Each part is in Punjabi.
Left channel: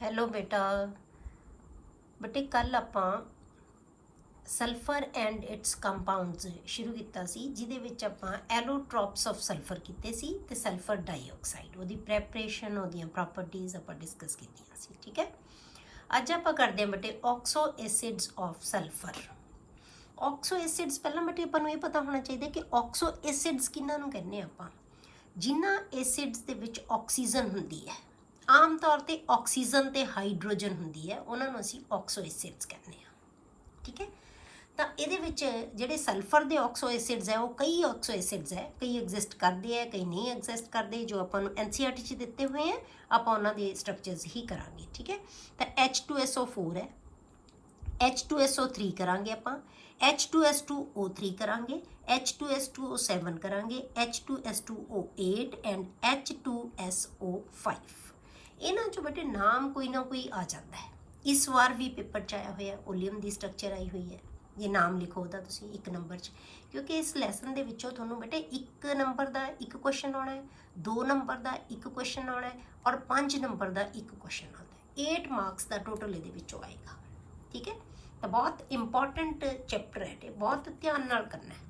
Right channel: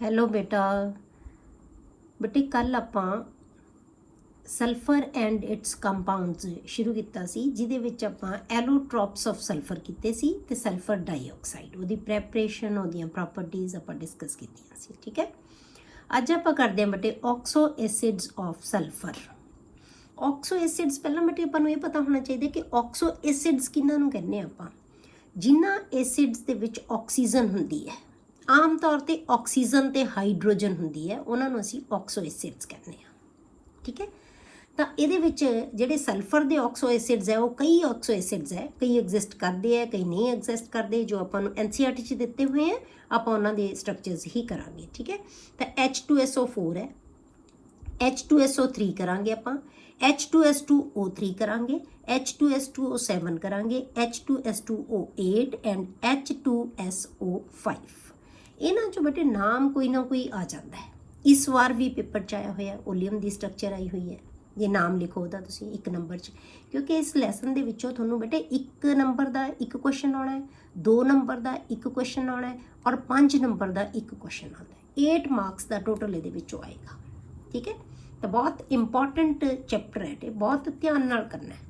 ਹੈਲੋ ਬੇਟੇ ਕੱਲ ਆਪਾਂ ਸਲਫਰ ਐਂਡ ਇਟਸ ਕੰਪਾਊਂਡਸ ਸ਼ੁਰੂ ਕੀਤਾ ਸੀ, ਜਿਹਦੇ ਵਿੱਚ ਆਪਾਂ ਐਲੋਟ੍ਰੋਪਸ ਆਫ ਸਲਫਰ ਕੀਤੇ ਸੀ ਤੇ ਸਲਫਰ ਡਾਈਆਕਸਾਈਡ ਉਹਦੀ ਪ੍ਰੈਪਰੇਸ਼ਨ, ਉਹਦੀਆਂ ਪ੍ਰੋਪਰਟੀਜ਼ ਆਪਾਂ ਡਿਸਕਸ ਕੀਤੀਆਂ ਸੀ। ਠੀਕ ਹੈ, ਅੱਜ ਆਪਾਂ ਕਰਦੇ ਹਾਂ ਬੇਟੇ ਆਕਸੋ ਐਸਿਡਸ ਆਫ ਸਲਫਰ। ਆਕਸੋ ਐਸਿਡਸ ਪਹਿਲਾਂ ਬੇਟੇ ਆਪਾਂ ਨੂੰ ਇਹ ਪਤਾ ਹੋਣਾ ਚਾਹੀਦਾ ਕਿ ਆਕਸੋ ਐਸਿਡਸ ਕਿਹਨਾਂ ਨੂੰ ਕਹਿੰਦੇ ਆਪਾਂ, ਜਿਨ੍ਹਾਂ ਐਸਿਡਸ ਦੇ ਵਿੱਚ ਆਕਸੀਜਨ ਹੁੰਦੀ ਹੈ। ਆਮ ਤੌਰ ਤੇ ਆਕਸੀਜਨ ਤੇ ਹਾਈਡਰੋਜਨ ਹੁੰਦੀ ਹੈ, ਉਹਨਾਂ ਨੂੰ ਅਸੀਂ ਆਕਸੋ ਐਸਿਡਸ ਕਹਿੰਦੇ ਹਾਂ। ਠੀਕ ਹੈ, ਤਾਂ ਇਹਦੇ ਵਿੱਚ ਜਿਹੜੇ ਸਲਫਰ ਦੇ ਆਕਸੋ ਐਸਿਡਸ ਹੈ, ਉਹ ਕਈ ਆਕਸੋ ਐਸਿਡਸ ਹੈ, ਕਈ ਐਗਜ਼ਿਸਟ ਕਰਦੇ ਆ, ਕਈ ਨਹੀਂ ਐਗਜ਼ਿਸਟ ਕਰਦੇ। ਜੋ ਆਪਾਂ ਨੂੰ NCERT 'ਚ ਦਿੱਤੇ ਹੋਏ ਆ, ਆਪਾਂ ਉਹਨਾਂ ਦੇ ਸਟਰਕਚਰਸ ਹੀ ਕਰਾਂਗੇ। ਠੀਕ ਹੈ, ਤਾਂ H2SO4 ਹੈ, H2SO3 ਕਰਾਂਗੇ ਆਪਾਂ, H2S2O3 ਕਰਾਂਗੇ, H2S2O7 ਕਰਾਂਗੇ, H2S2O8 ਐਂਡ H2SO5। ਇਹਨਾਂ 'ਚੋਂ ਬੇਟੇ ਨਾਮ ਕੋਈ ਨਾ ਕੋਈ ਆ ਜਾਂਦਾ ਹੈ। ਇਸ ਵਾਰ ਵੀ ਪੇਪਰ 'ਚ ਆਇਆ ਹੋਇਆ ਓਲੀਅਮ ਦੀ ਸਟਰਕਚਰ ਆਈ ਹੋਈ ਹੈ। ਇਹ ਨਾਮ ਲਿਖੋ ਉਹਦਾ ਤੁਸੀਂ 1 ਨੰਬਰ 'ਚ, ਕਿਉਂਕਿ ਇਸ ਲੈਸਨ ਦੇ ਵਿੱਚੋਂ ਤੁਹਾਨੂੰ ਬੇਟੇ 1 ਨੰਬਰ ਦਾ 1 ਕੁਐਸਚਨ ਆਉਣਾ ਹੈ, 2 ਨੰਬਰ ਦਾ 1 ਕੁਐਸਚਨ ਆਉਣਾ ਹੈ ਔਰ 5 ਨੰਬਰ ਦਾ 1 ਕੁਐਸਚਨ ਆਉਣਾ ਹੈ। 8 ਮਾਰਕਸ ਦਾ ਟੋਟਲ ਇਹਦੇ ਵਿੱਚੋਂ ਆਏਗਾ। ਠੀਕ ਹੈ, ਤਾਂ ਬਹੁਤ ਇੰਪੋਰਟੈਂਟ ਚੈਪਟਰ ਹੈ ਤੇ ਬਹੁਤ ਧਿਆਨ ਨਾਲ ਕਰਨਾ ਹੈ।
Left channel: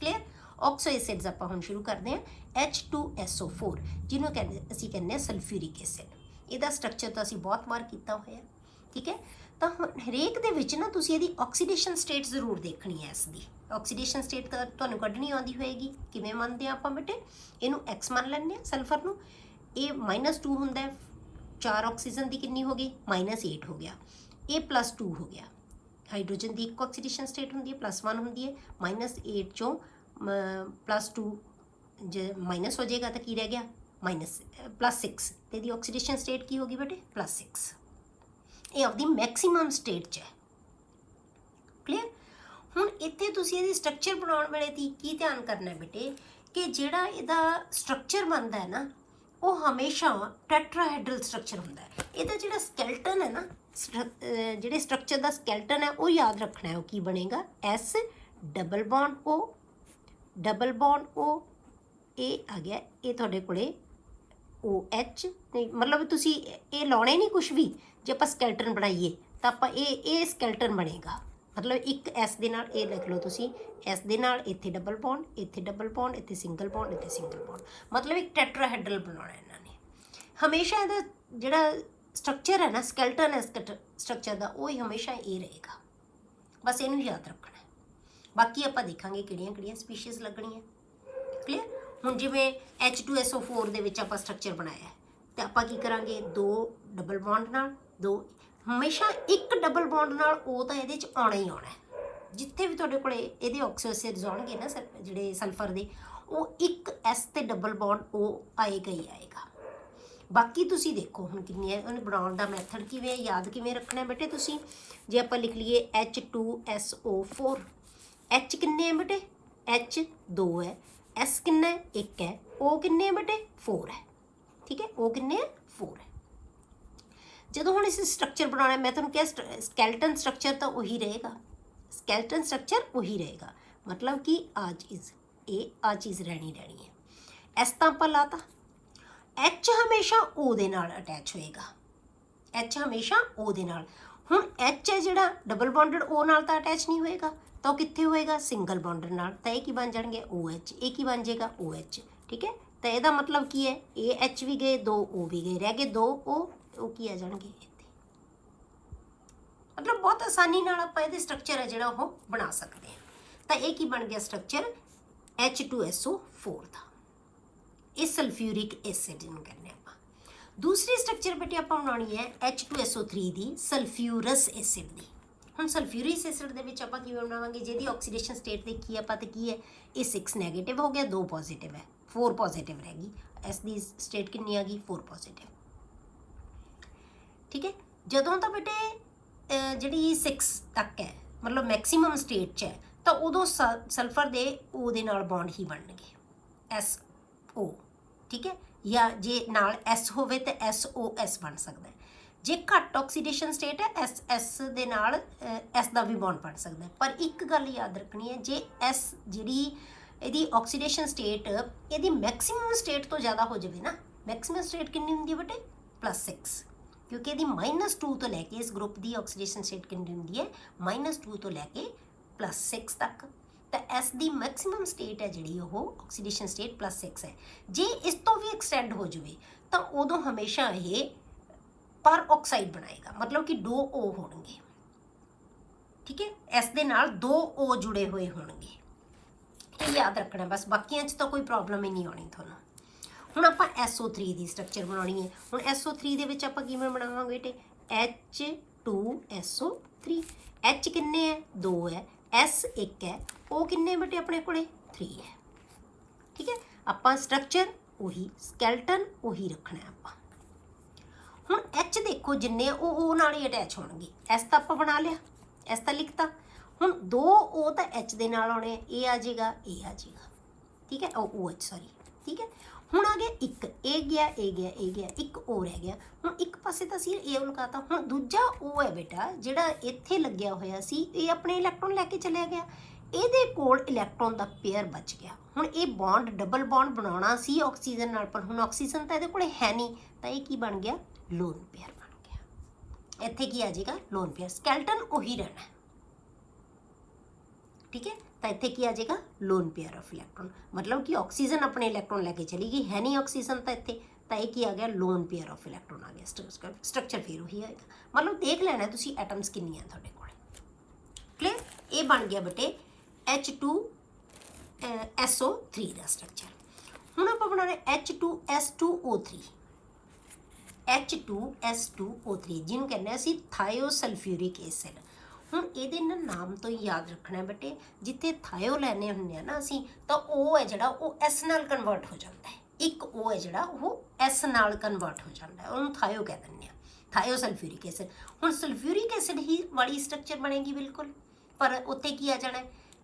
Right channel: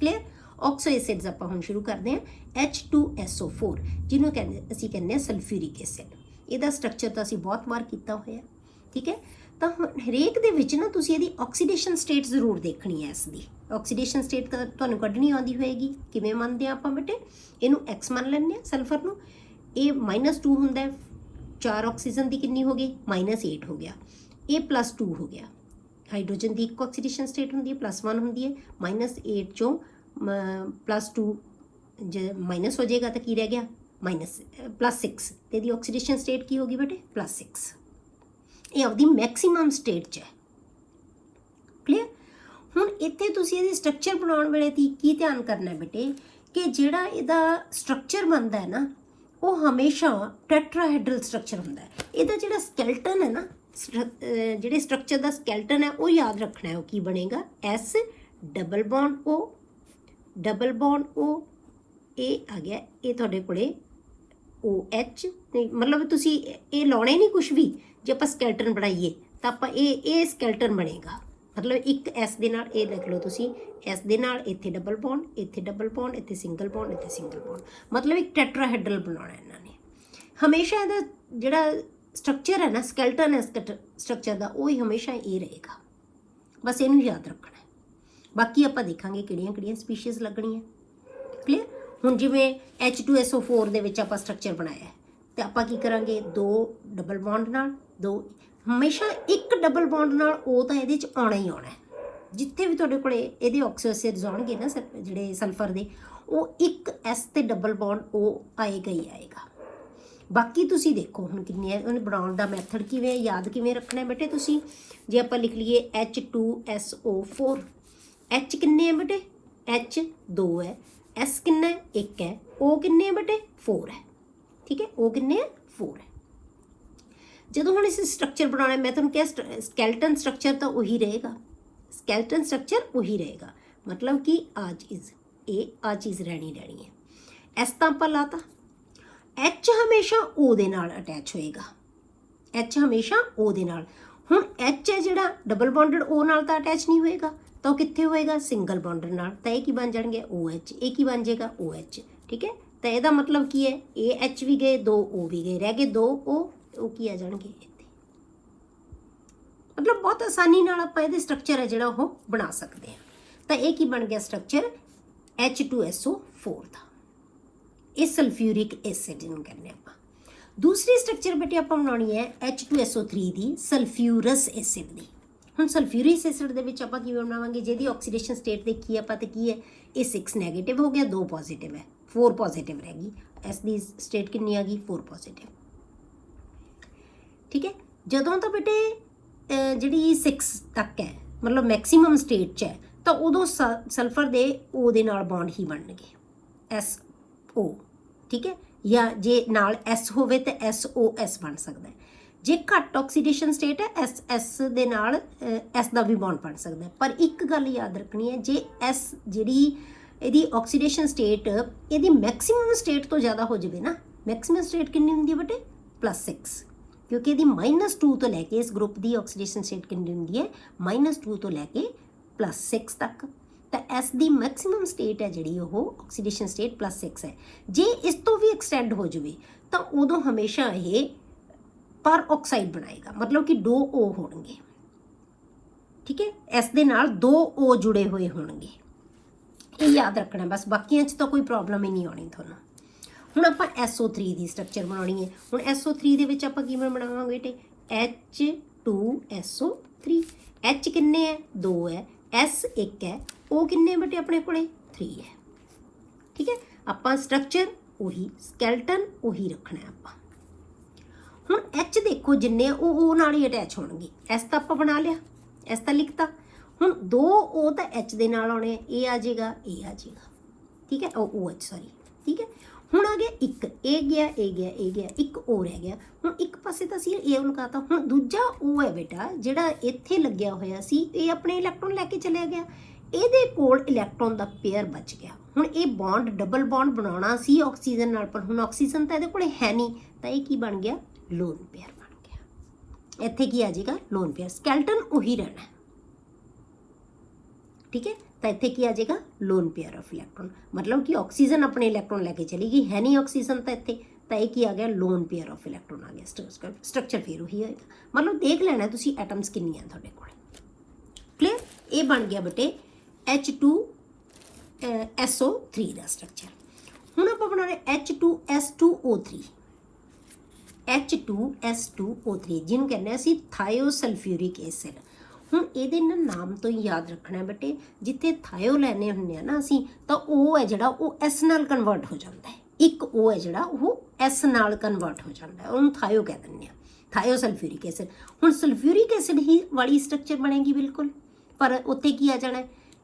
ਕਲੀਅਰ। ਆਕਸੋ ਐਸਿਡਸ ਆਪਾਂ ਹੁਣ ਸ਼ੁਰੂ ਕਰਦੇ ਹਾਂ। H2SO4 ਜਿਹਨੂੰ ਅਸੀਂ ਕਹਿੰਦੇ ਹਾਂ ਸਲਫਿਊਰਿਕ ਐਸਿਡ। ਇਹਦਾ ਸਟਰਕਚਰ ਤਾਂ ਅਸੀਂ ਬਹੁਤ ਵਾਰ ਕੀਤਾ ਹੋਇਆ। ਠੀਕ ਹੈ, ਤਾਂ ਹਰੇਕ ਦੇ ਵਿੱਚ ਨਾ ਤੁਸੀਂ ਇਹਦੀ ਆਕਸੀਡੇਸ਼ਨ ਸਟੇਟ ਜ਼ਰੂਰ ਦੇਖਣੀ ਹੈ। ਇਸ ਦੀ ਆਕਸੀਡੇਸ਼ਨ ਸਟੇਟ ਤਾਂ ਤੁਹਾਨੂੰ ਕੱਢਣੀ ਆਉਂਦੀ ਹੋਏਗੀ। ਕਿਵੇਂ ਮੰਨਦੇ ਹਾਂ ਆਪਾਂ ਬੇਟੇ, ਇਹਨੂੰ X ਮੰਨ ਲੈਂਦੇ ਹਾਂ ਸਲਫਰ ਨੂੰ। ਇਹ -2 ਹੁੰਦਾ ਹੈ, 4 ਆਕਸੀਜਨ ਦੀ ਕਿੰਨੀ ਹੋ ਗਈ, -8 ਹੋ ਗਿਆ। ਇਹ +2 ਹੋ ਗਿਆ। ਹਾਈਡਰੋਜਨ ਦੀ ਇੱਕ ਆਕਸੀਡੇਸ਼ਨ ਸਟੇਟ ਹੁੰਦੀ ਹੈ, +1 ਹੁੰਦੀ ਹੈ। -8 ਚੋਂ +2 ਜੇ ਮਾਈਨਸ ਹੋ ਜਾਏਗਾ ਤਾਂ ਕੀ ਰਹਿ ਗਿਆ, +6। ਤੇ ਇਹਦੀ ਆਕਸੀਡੇਸ਼ਨ ਸਟੇਟ ਕੀ ਹੋਗੀ ਬੇਟੇ, +6। ਇਹ ਆਪਦੀ ਮੈਕਸਿਮਮ ਸਟੇਟ 'ਚ ਹੈ। ਕਲੀਅਰ। ਹੁਣ ਇੱਥੇ ਤੁਸੀਂ ਇਹਦੀ ਸਟਰਕਚਰ ਬਣਾਉਣ ਵੇਲੇ ਕੀ ਧਿਆਨ ਕਰਨਾ ਬੇਟੇ, ਕਿ ਜਿਹੜਾ ਇਹਦਾ ਸਟਰਕਚਰ ਬਣਦਾ ਹੈ ਨਾ, ਉਹ ਹਮੇਸ਼ਾ ਟੈਟਰਾਹਾਈਡਰਲ ਸਟਰਕਚਰ ਹੁੰਦਾ ਹੈ। ਇਹਦਾ ਜਿਹੜਾ ਸਕੈਲਟਨ ਹੈ ਨਾ, ਜਿਹੜੇ ਸਟਰਕਚਰ ਦਾ ਸਕੈਲਟਨ ਹੈ, ਉਹ ਯਾਦ ਰੱਖਣਾ ਹੈ। ਉਹ ਕੀ ਬਣੇਗਾ, S double bond O double bond O, ਇਹ ਆ ਗਿਆ। ਇਹ ਤੁਹਾਡੇ ਕੋਲੇ OH ਨਹੀਂ, ਮਤਲਬ ਤੁਸੀਂ ਇਹ ਲਾਉਣੇ ਨਹੀਂ ਕੁਛ ਵੀ। ਜੇ ਆਪਾਂ ਸਕੈਲਟਨ ਬਣਾਈਏ ਤਾਂ ਆਪਾਂ ਇਹ ਸਕੈਲਟਨ ਬਣੇਗਾ। ਮਤਲਬ ਇੱਕ S ਦੇ ਨਾਲ, ਇਹ ਦੇਖ ਲਓ ਤੁਸੀਂ, S ਦੇ ਨਾਲ ਇੱਥੇ ਡਬਲ ਬੌਂਡ, ਇੱਥੇ ਡਬਲ ਬੌਂਡ, ਇੱਥੇ ਸਿੰਗਲ ਬੌਂਡ, ਇੱਥੇ ਸਿੰਗਲ ਬੌਂਡ, ਮਤਲਬ ਇੱਕ ਟੈਟਰਾਹਾਈਡਰਲ ਬਣਾਉਣਾ ਇਹਨਾਂ ਨੇ। ਹਮੇਸ਼ਾ ਇਹਦਾ ਜਿਹੜਾ ਸਟਰਕਚਰ ਹੈ ਨਾ, ਸਕੈਲਟਨ ਹੈ ਸਟਰਕਚਰ ਦਾ, ਉਹ ਹੀ ਹਮੇਸ਼ਾ ਇਹ ਰਹੇਗਾ। ਬਸ ਇਹਨੂੰ ਯਾਦ ਰੱਖਣਾ। ਬਾਕੀ ਆਪਾਂ ਦੇਖਾਂਗੇ ਕਿਹੜੀਆਂ ਕਿਹੜੀਆਂ ਸਪੀਸ਼ੀਜ਼ ਲੱਗਣੀਆਂ। ਕਲੀਅਰ। ਹੁਣ ਜਿਵੇਂ H2SO4 ਦੇ ਵਿੱਚ ਆਪਾਂ ਸਟਰਕਚਰ ਬਣਾਇਆ, ਤੇ ਆਪਾਂ ਕੀ ਕਰਾਂਗੇ, 2 ਡਬਲ ਬੌਂਡ ਨਾਲ 2, ਹਮੇਸ਼ਾ ਇੱਕ ਡਬਲ ਬੌਂਡ ਨਾਲ O ਤਾਂ ਇਹਦੇ 'ਚ ਆਉਣਾ ਹੀ ਆਉਣਾ ਹੈ। ਜਿੱਥੇ ਵੀ ਤੁਹਾਡੇ ਕੋਲੇ ਇਹਦੇ ਆਕਸੋ ਐਸਿਡਸ ਆਉਣਗੇ ਨਾ, ਜਿਹੜੇ ਸਲਫਰ ਦੇ, ਉਹ ਇੱਕ S ਤੇ ਡਬਲ ਬੌਂਡ O ਆਏਗਾ ਹੀ ਆਏਗਾ। ਬਾਕੀ ਤੁਸੀਂ ਦੇਖੋ ਹੁਣ ਕਿੰਨੀਆਂ, ਉਹਨੇ ਬਣਾਉਣ ਦਾ ਮੈਥਡ ਕਿਵੇਂ, ਯਾਦ ਕਿਵੇਂ ਰੱਖਣਾ ਬੇਟੇ ਤੁਸੀਂ। ਜੇ ਆਪਾਂ ਲਿਖ ਲਈਏ H2SO4, H ਕਿੰਨੇ ਹੈ ਬੇਟੇ, H 2 ਹੈ, S ਕਿੰਨਾ ਹੈ, 1 ਹੈ, O ਕਿੰਨੇ ਹੈ ਬੇਟੇ, 4 ਹੈ। ਠੀਕ ਹੈ, O ਕਿੰਨੇ ਹੈ, 4 ਹੈ। ਜਦੋਂ ਹੁਣ ਇਸ ਸਟਰਕਚਰ ਬਣਾਉਣਾ, ਮੈਂ ਤੁਹਾਨੂੰ ਕਿਹਾ ਸਕੈਲਟਨ ਸਟਰਕਚਰ ਤਾਂ ਉਹੀ ਰਹੇਗਾ, ਸਕੈਲਟਨ ਸਟਰਕਚਰ ਉਹੀ ਰਹੇਗਾ। ਮਤਲਬ ਕਿ ਆ ਚੀਜ਼ ਰਹਿਣੀ ਹੈ। S ਤਾਂ ਆਪਾਂ ਲਾਤਾ। H ਹਮੇਸ਼ਾ O ਦੇ ਨਾਲ ਅਟੈਚ ਹੋਏਗਾ, H ਹਮੇਸ਼ਾ O ਦੇ ਨਾਲ। ਹੁਣ H ਹੈ ਜਿਹੜਾ ਡਬਲ ਬੌਂਡਡ O ਨਾਲ ਤਾਂ ਅਟੈਚ ਨਹੀਂ ਹੋਏਗਾ, ਤਾਂ ਉਹ ਕਿੱਥੇ ਹੋਏਗਾ, ਸਿੰਗਲ ਬੌਂਡਡ ਨਾਲ। ਤਾਂ ਇਹ ਕੀ ਬਣ ਜਾਣਗੇ, OH। ਇਹ ਕੀ ਬਣ ਜਾਏਗਾ, OH। ਠੀਕ ਹੈ, ਤਾਂ ਇਹਦਾ ਮਤਲਬ ਕੀ ਹੈ, ਇਹ H ਵੀ ਗਏ, 2 O ਵੀ ਗਏ, ਰਹਿ ਗਏ 2 O। ਉਹ ਕੀ ਆ ਜਾਣਗੇ ਇੱਥੇ। ਮਤਲਬ ਬਹੁਤ ਆਸਾਨੀ ਨਾਲ ਆਪਾਂ ਇਹਦੇ ਸਟਰਕਚਰ ਹੈ ਜਿਹੜਾ ਉਹ ਬਣਾ ਸਕਦੇ ਹਾਂ। ਤਾਂ ਇਹ ਕੀ ਬਣ ਗਿਆ ਸਟਰਕਚਰ, H2SO4 ਦਾ। ਇਹ ਸਲਫਿਊਰਿਕ ਐਸਿਡ ਨੂੰ ਕਹਿੰਦੇ ਆਪਾਂ। ਦੂਸਰੀ ਸਟਰਕਚਰ ਬੇਟੇ ਆਪਾਂ ਬਣਾਉਣੀ ਹੈ H2SO3 ਦੀ, ਸਲਫਿਊਰਸ ਐਸਿਡ ਦੀ। ਹੁਣ ਸਲਫਿਊਰਿਕ ਐਸਿਡ ਦੇ ਵਿੱਚ ਆਪਾਂ ਕਿਵੇਂ ਬਣਾਵਾਂਗੇ, ਜਿਹਦੀ ਆਕਸੀਡੇਸ਼ਨ ਸਟੇਟ ਦੇਖੀ ਆਪਾਂ ਤੇ ਕੀ ਹੈ, ਇਹ 6 ਨੈਗੇਟਿਵ ਹੋ ਗਿਆ, 2 ਪੋਜ਼ਿਟਿਵ ਹੈ, 4 ਪੋਜ਼ਿਟਿਵ ਰਹਿ ਗਈ। ਇਸ ਦੀ ਸਟੇਟ ਕਿੰਨੀ ਆ ਗਈ, 4 ਪੋਜ਼ਿਟਿਵ। ਠੀਕ ਹੈ, ਜਦੋਂ ਤਾਂ ਬੇਟੇ ਜਿਹੜੀ 6 ਤੱਕ ਹੈ, ਮਤਲਬ ਮੈਕਸੀਮਮ ਸਟੇਟ 'ਚ ਹੈ, ਤਾਂ ਉਦੋਂ ਸਲਫਰ ਦੇ O ਦੇ ਨਾਲ ਬੌਂਡ ਹੀ ਬਣਨਗੇ, SO। ਠੀਕ ਹੈ, ਜਾਂ ਜੇ ਨਾਲ S ਹੋਵੇ ਤਾਂ SOS ਬਣ ਸਕਦਾ ਹੈ। ਜੇ ਘੱਟ ਆਕਸੀਡੇਸ਼ਨ ਸਟੇਟ ਹੈ, SS ਦੇ ਨਾਲ S ਦਾ ਵੀ ਬੌਂਡ ਬਣ ਸਕਦਾ ਹੈ। ਪਰ ਇੱਕ ਗੱਲ ਯਾਦ ਰੱਖਣੀ ਹੈ, ਜੇ S ਜਿਹੜੀ ਇਹਦੀ ਆਕਸੀਡੇਸ਼ਨ ਸਟੇਟ ਇਹਦੀ ਮੈਕਸਿਮਮ ਸਟੇਟ ਤੋਂ ਜ਼ਿਆਦਾ ਹੋ ਜਾਵੇ ਨਾ, ਮੈਕਸਿਮਮ ਸਟੇਟ ਕਿੰਨੀ ਹੁੰਦੀ ਹੈ ਬੇਟੇ, +6। क्योंकि ਇਹਦੀ -2 ਤੋਂ ਲੈ ਕੇ ਇਸ ਗਰੁੱਪ ਦੀ ਆਕਸੀਡੇਸ਼ਨ ਸਟੇਟ ਕਿੰਨੀ ਹੁੰਦੀ ਹੈ -2 ਤੋਂ ਲੈ ਕੇ +6 ਤੱਕ। ਤਾਂ S ਦੀ ਮੈਕਸਿਮਮ ਸਟੇਟ ਹੈ ਜਿਹੜੀ ਉਹ ਆਕਸੀਡੇਸ਼ਨ ਸਟੇਟ +6 ਹੈ। ਜੇ ਇਸ ਤੋਂ ਵੀ ਐਕਸਟੈਂਡ ਹੋ ਜਾਵੇ ਤਾਂ ਉਦੋਂ ਹਮੇਸ਼ਾ ਇਹ ਪਰ ਆਕਸਾਈਡ ਬਣਾਏਗਾ, मतलब कि 2 O ਹੋਣਗੇ, ठीक है। S ਦੇ ਨਾਲ 2 O जुड़े हुए होणगे, ਇਹ याद रखना बस, बाकियां च तो कोई प्रॉब्लम ही नहीं आनी ਤੁਹਾਨੂੰ। ਹੁਣ ਆਪਾਂ SO3 ਦੀ ਸਟਰਕਚਰ ਬਣਾਉਣੀ ਹੈ। ਹੁਣ SO3 ਦੇ ਵਿੱਚ ਆਪਾਂ ਕਿਵੇਂ ਬਣਾਵਾਂਗੇ ਬੇਟੇ, H2SO3, H ਕਿੰਨੇ ਹੈ 2 ਹੈ, S 1 ਹੈ, O ਕਿੰਨੇ ਬੇਟੇ ਆਪਣੇ ਕੋਲੇ 3 ਹੈ, ਠੀਕ ਹੈ। ਆਪਾਂ ਸਟਰਕਚਰ ਉਹੀ, ਸਕੈਲਟਨ ਉਹੀ ਰੱਖਣਾ ਆਪਾਂ। ਹੁਣ H ਦੇਖੋ ਜਿੰਨੇ ਉਹ O ਨਾਲ ਹੀ ਅਟੈਚ ਹੋਣਗੇ। S ਤਾਂ ਆਪਾਂ ਬਣਾ ਲਿਆ, S ਤਾਂ ਲਿਖਤਾ। ਹੁਣ 2 O ਤਾਂ H ਦੇ ਨਾਲ ਆਉਣੇ, ਇਹ ਆ ਜਾਏਗਾ, ਇਹ ਆ ਜਾਏਗਾ, ਠੀਕ ਹੈ, OH ਸੌਰੀ, ਠੀਕ ਹੈ। ਹੁਣ ਆ ਗਿਆ ਇੱਕ, ਇਹ ਗਿਆ, ਇਹ ਗਿਆ, ਇਹ ਗਿਆ, ਇੱਕ O ਰਹਿ ਗਿਆ। ਹੁਣ ਇੱਕ ਪਾਸੇ ਤਾਂ ਅਸੀਂ ਇਹ ਲਗਾਤਾ। ਹੁਣ ਦੂਜਾ O ਹੈ ਬੇਟਾ ਜਿਹੜਾ ਇੱਥੇ ਲੱਗਿਆ ਹੋਇਆ ਸੀ, ਇਹ ਆਪਣੇ ਇਲੈਕਟ੍ਰੋਨ ਲੈ ਕੇ ਚਲਿਆ ਗਿਆ, ਇਹਦੇ ਕੋਲ ਇਲੈਕਟ੍ਰੋਨ ਦਾ ਪੇਅਰ ਬਚ ਗਿਆ। ਹੁਣ ਇਹ ਬੌਂਡ ਡਬਲ ਬੌਂਡ ਬਣਾਉਣਾ ਸੀ ਆਕਸੀਜਨ ਨਾਲ, ਪਰ ਹੁਣ ਆਕਸੀਜਨ ਤਾਂ ਇਹਦੇ ਕੋਲੇ ਹੈ ਨਹੀਂ, ਤਾਂ ਇਹ ਕੀ ਬਣ ਗਿਆ, ਲੋਨ ਪੇਅਰ ਬਣ ਗਿਆ। ਇੱਥੇ ਕੀ ਆ ਜਾਏਗਾ, ਲੋਨ ਪੇਅਰ। ਸਕੈਲਟਨ ਉਹੀ ਰਹਿਣਾ, ठीक है। तो इतने की आ जाएगा लोन पेयर ऑफ इलैक्ट्रॉन, मतलब कि ऑक्सीजन अपने इलैक्ट्रॉन लैके चली गई, है नहीं ऑक्सीजन तो इतने, तो ये की आ गया लोन पेयर ऑफ इलैक्ट्रॉन आ गया। स्ट्रक्चर फिर वही होएगा, मतलब देख लेना तुसी एटम्स कितनी है तुहाडे कोल, क्लियर। ये बन गया बेटे H2SO3 का स्ट्रक्चर। हुण आपां बनाना H2S2O3, H2S2O3 जिन्हों कहने असीं थायोसल्फ्यूरिक एसिड। ਹੁਣ ਇਹਦੇ ਨਾਲ ਨਾਮ ਤੋਂ ਹੀ ਯਾਦ ਰੱਖਣਾ ਬੇਟੇ, ਜਿੱਥੇ ਥਾਇਓ ਲੈਣੇ ਹੁੰਦੇ ਆ ਨਾ ਅਸੀਂ, ਤਾਂ ਉਹ ਹੈ ਜਿਹੜਾ ਉਹ S ਨਾਲ ਕਨਵਰਟ ਹੋ ਜਾਂਦਾ ਹੈ। ਇੱਕ O ਹੈ ਜਿਹੜਾ ਉਹ S ਨਾਲ ਕਨਵਰਟ ਹੋ ਜਾਂਦਾ ਹੈ, ਉਹਨੂੰ ਥਾਇਓ ਕਹਿ ਦਿੰਦੇ ਆ, ਥਾਇਓ ਸਲਫਿਊਰਿਕ ਐਸਿਡ। ਹੁਣ ਸਲਫਿਊਰਿਕ ਐਸਿਡ ਹੀ ਵਾਲੀ ਸਟਰਕਚਰ ਬਣੇਗੀ ਬਿਲਕੁਲ, ਪਰ ਉੱਥੇ ਕੀ ਆ ਜਾਣਾ,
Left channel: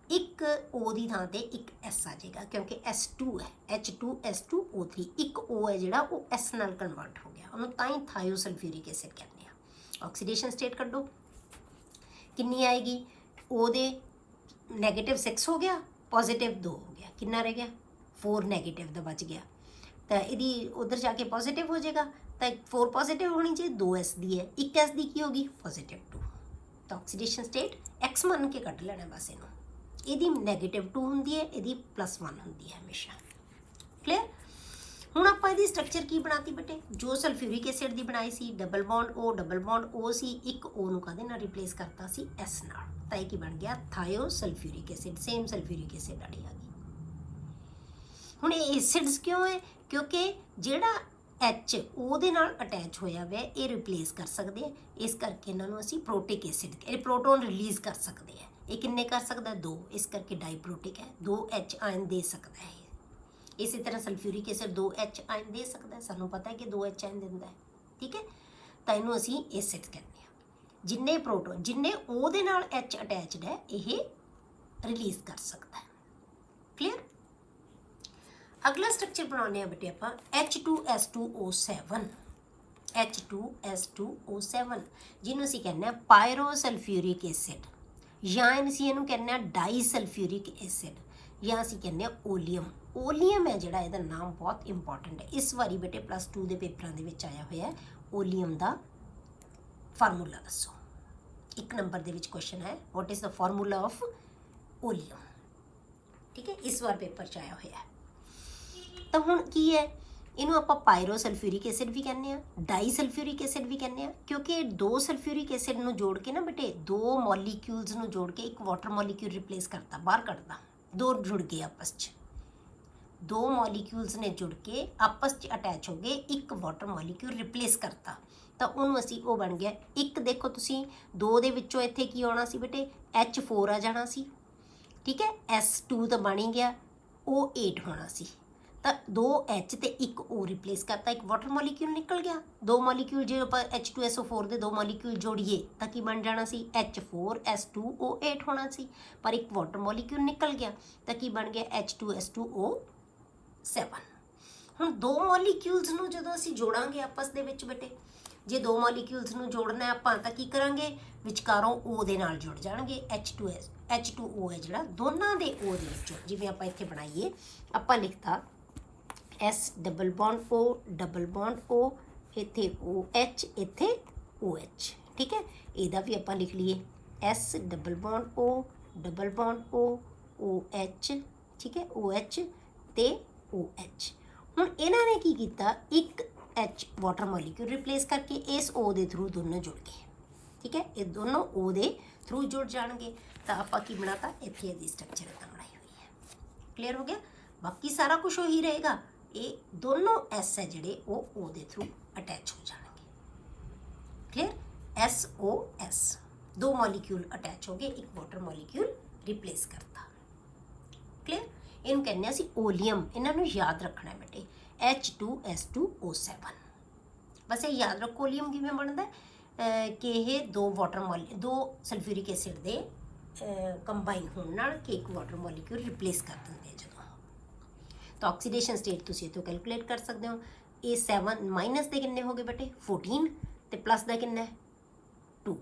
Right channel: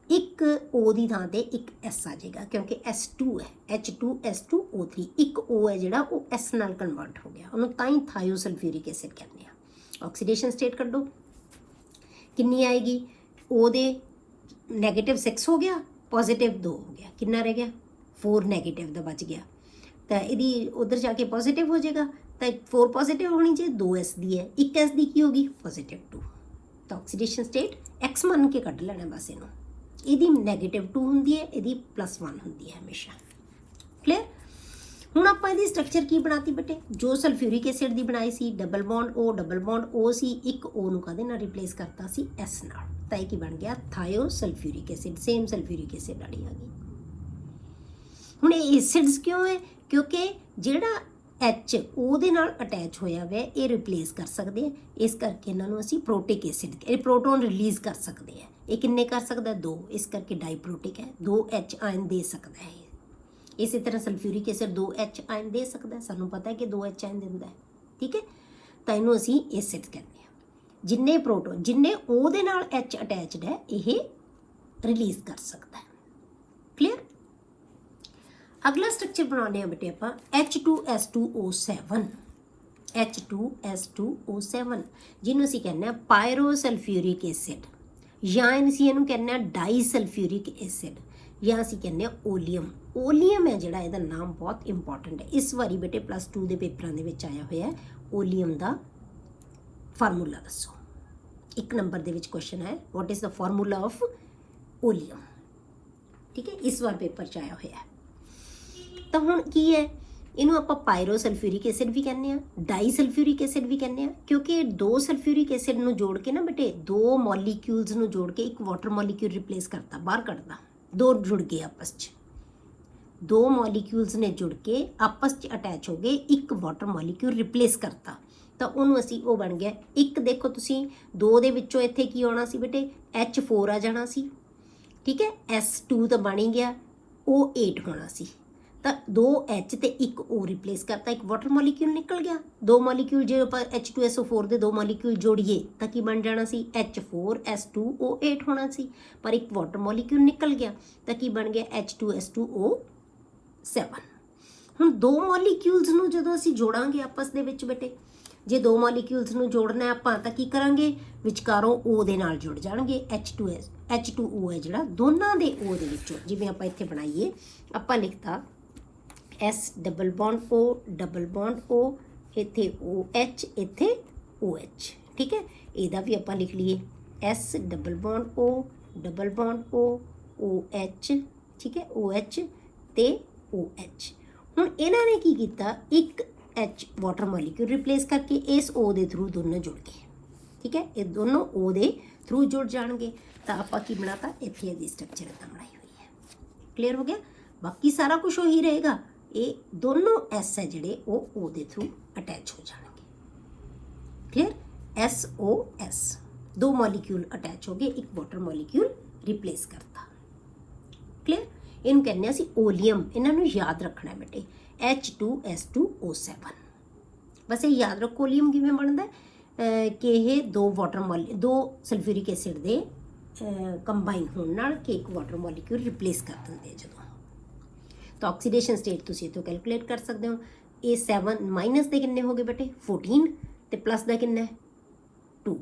ਇੱਕ O ਦੀ ਥਾਂ ਤੇ ਇੱਕ S ਆ ਜਾਏਗਾ, ਕਿਉਂਕਿ S2 ਹੈ, H2S2O3, ਇੱਕ O ਹੈ ਜਿਹੜਾ ਉਹ S ਨਾਲ ਕਨਵਰਟ ਹੋ ਗਿਆ, ਉਹਨੂੰ ਤਾਂ ਹੀ ਥਾਇਓ ਸਲਫਿਊਰਿਕ ਐਸਿਡ ਕਹਿੰਦੇ ਆ। ਆਕਸੀਡੇਸ਼ਨ ਸਟੇਟ ਕੱਢੋ कितनी आएगी, O दे -6 हो गया, +2 हो गया, कितना रह गया 4 नेगेटिव का बच गया। तो यदि उधर जाके पॉजिटिव हो जाएगा, तो 4 पॉजिटिव होनी चाहिए, 2 S दी है, 1 S दी की होगी +2। तो ऑक्सीडेशन स्टेट X मान के कट लेना बस इनू, यदि -2 होंगी है, यदि +1 होंगी है हमेशा, क्लियर। ਹੁਣ ਆਪਾਂ ਇਹਦੀ ਸਟਰਕਚਰ ਕੀ ਬਣਾਤੀ ਬੇਟੇ, ਜੋ ਸਲਫਿਊਰਿਕ ਐਸਿਡ ਦੀ ਬਣਾਈ ਸੀ, ਡਬਲ ਬੌਂਡ O ਸੀ, ਇੱਕ O ਨੂੰ ਕਾਹਦੇ ਨਾਲ ਰਿਪਲੇਸ ਕਰਤਾ ਸੀ, S ਨਾਲ, ਤਾਂ ਇਹ ਕੀ ਬਣ ਗਿਆ, ਥਾਇਓ sulphuric acid, same sulphuric acid ਵਾਲੀ ਆ ਗਈ। ਹੁਣ ਇਹ ਐਸਿਡਸ ਕਿਉਂ ਹੈ, ਕਿਉਂਕਿ ਜਿਹੜਾ H O ਦੇ ਨਾਲ ਅਟੈਚ ਹੋਇਆ ਹੋਇਆ ਇਹ ਰਿਪਲੇਸ ਕਰ ਸਕਦੇ ਆ, ਇਸ ਕਰਕੇ ਇਹਨਾਂ ਨੂੰ ਅਸੀਂ ਪ੍ਰੋਟਿਕ ਐਸਿਡ, ਇਹ ਪ੍ਰੋਟੋਨ ਰਿਲੀਜ਼ ਕਰ ਸਕਦੇ ਆ। ਇਹ ਕਿੰਨੇ ਕਰ ਸਕਦਾ, 2, ਇਸ ਕਰਕੇ ਡਾਈਪ੍ਰੋਟਿਕ ਹੈ, 2 H ਆਇਨ ਦੇ ਸਕਦਾ ਹੈ। इसी तरह सल्फ्यूरिक एसिड 2 H आयन दे सकता है, सानू पता है कि 2 H आयन दिंदा है, ठीक है। तो इनू असी एसिड कहते हैं, जिन्ने प्रोटोन जिन्ने O दे नाल H अटैचड है ये रिलीज कर सकता है, क्लियर। अगला स्ट्रक्चर बनाने बेटे आपां H2S2O7, H2S2O7 जिन्हों असी कहने पायरोसल्फ्यूरिक एसिड, या असी इनू कहने डाईसल्फ्यूरिक एसिड, या असी कहने ओलियम। ओलियम है जिहड़ा इहदा नाम बहुत इंपॉर्टेंट है, इस बारी बेटे +2 के पेपरों के आया हुआ है। ओलियम का फार्मूला दसो, 1 नंबर के क्वेश्चन है, what is the formula of oleum, ठीक है, इस बार पेपर च आया हुआ है। तो हुण की है, इनू आपां पायरोसल्फ्यूरिक एसिड भी कहने आ, डाईसल्फ्यूरिक एसिड भी कहने आ, क्योंकि 2 सल्फ्यूरिक एसिड नूं जोड़ के ना बेटे 2 मॉलीक्यूल्स नूं जोड़ के एक वाटर मॉलीक्यूल रिप्लेस करता, बाहर कढ़ता, 2 जुड़ गए आपस च, 2 मॉलीक्यूल्स ने जुड़ के आपस च अटैच हो गए, एक वाटर मॉलीक्यूल रिप्लेस करता, तो उन्होंने असी वो बन गया एक। देखो तुसी 2 दे विचों इत्थे की आना सी बेटे, H4 आ जाना सी, ठीक है, S2 तो बन ही गया, O8 होना सी, तो 2 H ते 1 O रिप्लेस करता, एक वाटर मॉलीक्यूल निकल गया। 2 मॉलीक्यूल जो आप H2SO4 दे 2 मॉलीक्यूल जोड़िए तो की बन जाना सी, H4S2O8 होना सी, पर एक वाटर मॉलीक्यूल निकल गया तो की बन गया H2S2O7। हुण 2 मॉलीक्यूल्स नूं जदों असीं जोड़ांगे आपस दे विच बेटे, जे 2 मॉलीक्यूल्स नूं जोड़ना है आपां तां की करांगे, विचकारों O दे नाल जुड़ जाणगे, H2O है जिहड़ा दोनां दे O दे विचों, जिवें आपां इत्थे बनाईए, आपां लिखता S डबल बॉन्ड O, ਇੱਥੇ OH, ਇੱਥੇ OH, ठीक है। ਇਹਦਾ ਵੀ ਆਪਾਂ ਲਿਖ ਲਈਏ S double bond O double bond O OH, ठीक है, OH ਤੇ OH। ਹੁਣ ਇਹਨਾਂ ਨੇ ਕੀ ਕੀਤਾ, ਇੱਕ H ਵਾਟਰ ਮੋਲੀਕਿਊਲ ਰਿਪਲੇਸ ਕਰਕੇ ਇਸ O ਦੇ ਥਰੂ ਦੋਨੋਂ ਜੁੜ ਗਏ, ਠੀਕ ਹੈ। ਇਹ ਦੋਨੋਂ O ਦੇ ਥਰੂ ਜੁੜ ਜਾਣਗੇ ਤਾਂ ਆਪਾਂ ਕੀ ਬਣਾਤਾ, ਇੱਥੇ ਇਹਦੀ ਸਟਰਕਚਰ ਇਦਾਂ ਬਣਾਈ ਹੋਈ ਹੈ। ਕਲੀਅਰ ਹੋ ਗਿਆ। ਬਾਕੀ ਸਾਰਾ ਕੁਝ ਉਹੀ ਰਹੇਗਾ, ਇਹ ਦੋਨੋਂ S ਹੈ ਜਿਹੜੇ ਉਹ O ਦੇ ਥਰੂ ਅਟੈਚ ਹੋ ਜਾਣਗੇ। ਕਲੀਅਰ। SOS, ਦੋ ਮੋਲੀਕਿਊਲ ਅਟੈਚ ਹੋ ਗਏ, ਇੱਕ ਵਾਟਰ ਮੋਲੀਕਿਊਲ ਰਿਪਲੇਸ ਕਰਤਾ। ਕਲੀਅਰ। ਇਹਨੂੰ ਕਹਿੰਦੇ ਅਸੀਂ ਓਲੀਅਮ। ਇਹਨਾਂ ਨੂੰ ਯਾਦ ਰੱਖਣਾ ਹੈ ਬੇਟੇ, H2S2O7। ਬਸ ਇਹ ਯਾਦ ਰੱਖੋ ਓਲੀਅਮ ਕਿਵੇਂ ਬਣਦਾ ਕਿ ਇਹ ਦੋ ਸਲਫਿਊਰਿਕ ਐਸਿਡ ਦੇ ਕੰਬਾਈਨ ਹੋਣ ਨਾਲ ਕਿ ਇੱਕ ਵਾਟਰ ਮੋਲੀਕਿਊਲ ਰਿਪਲੇਸ ਕਰ ਦਿੰਦੇ ਜਦੋਂ। ਤਾਂ ਆਕਸੀਡੇਸ਼ਨ ਸਟੇਟ ਤੁਸੀਂ ਇੱਥੋਂ ਕੈਲਕੂਲੇਟ ਕਰ ਸਕਦੇ ਹੋ। ਇਹ 7 ਮਾਈਨਸ ਦੇ ਕਿੰਨੇ ਹੋ ਗਏ ਬੇਟੇ 14 ਤੇ ਪਲੱਸ ਦਾ ਕਿੰਨਾ 2,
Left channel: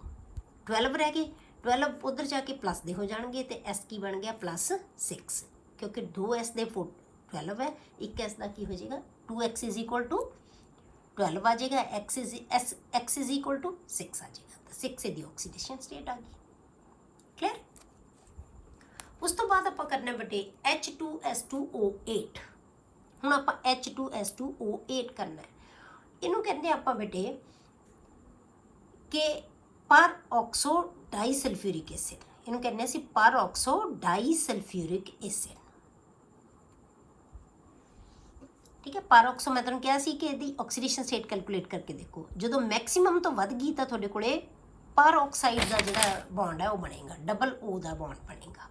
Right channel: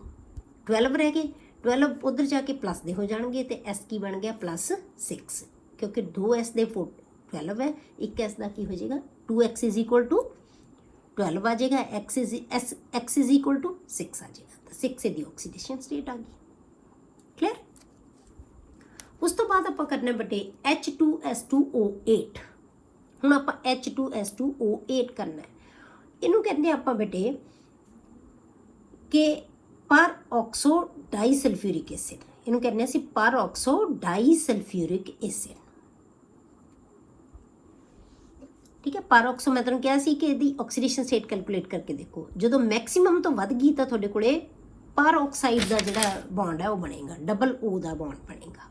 12 ਰਹਿ ਗਏ। 12 ਉਧਰ ਜਾ ਕੇ ਪਲੱਸ ਦੇ ਹੋ ਜਾਣਗੇ ਤੇ S ਕੀ ਬਣ ਗਿਆ +6, ਕਿਉਂਕਿ 2S ਦੇ 12 ਹੈ, 1S ਦਾ ਕੀ ਹੋ ਜਾਏਗਾ 2x = 12 ਆ ਜਾਏਗਾ, x = 6 ਆ ਜਾਏਗਾ। ਤਾਂ 6 ਦੀ ਆਕਸੀਡੇਸ਼ਨ ਸਟੇਟ ਆ ਗਈ। ਕਲੀਅਰ। ਉਸ ਤੋਂ ਬਾਅਦ ਆਪਾਂ ਕਰਨਾ ਬੇਟੇ H2S2O8। ਹੁਣ ਆਪਾਂ H2S2O8 ਕਰਨਾ ਹੈ। ਇਹਨੂੰ ਕਹਿੰਦੇ ਆਪਾਂ ਬੇਟੇ ਕਿ ਪਰ ਆਕਸੋ ਡਾਈਸਲਫਿਊਰਿਕ ਐਸਿਡ। ਇਹਨੂੰ ਕਹਿੰਦੇ ਅਸੀਂ ਪਰ ਆਕਸੋ ਡਾਈਸਲਫਿਊਰਿਕ ਐਸਿਡ, ਠੀਕ ਹੈ। ਪਰ ਆਕਸੋ ਮੈਂ ਤੁਹਾਨੂੰ ਕਿਹਾ ਸੀ ਕਿ ਇਹਦੀ ਆਕਸੀਡੇਸ਼ਨ ਸਟੇਟ ਕੈਲਕੂਲੇਟ ਕਰਕੇ ਦੇਖੋ, ਜਦੋਂ ਮੈਕਸਿਮਮ ਤੋਂ ਵੱਧ ਗਈ ਤਾਂ ਤੁਹਾਡੇ ਕੋਲੇ ਪਰ ਆਕਸਾਈਡ ਦਾ ਜਿਹੜਾ ਬੌਂਡ ਹੈ ਉਹ ਬਣੇਗਾ, ਡਬਲ O ਦਾ ਬੌਂਡ ਬਣੇਗਾ।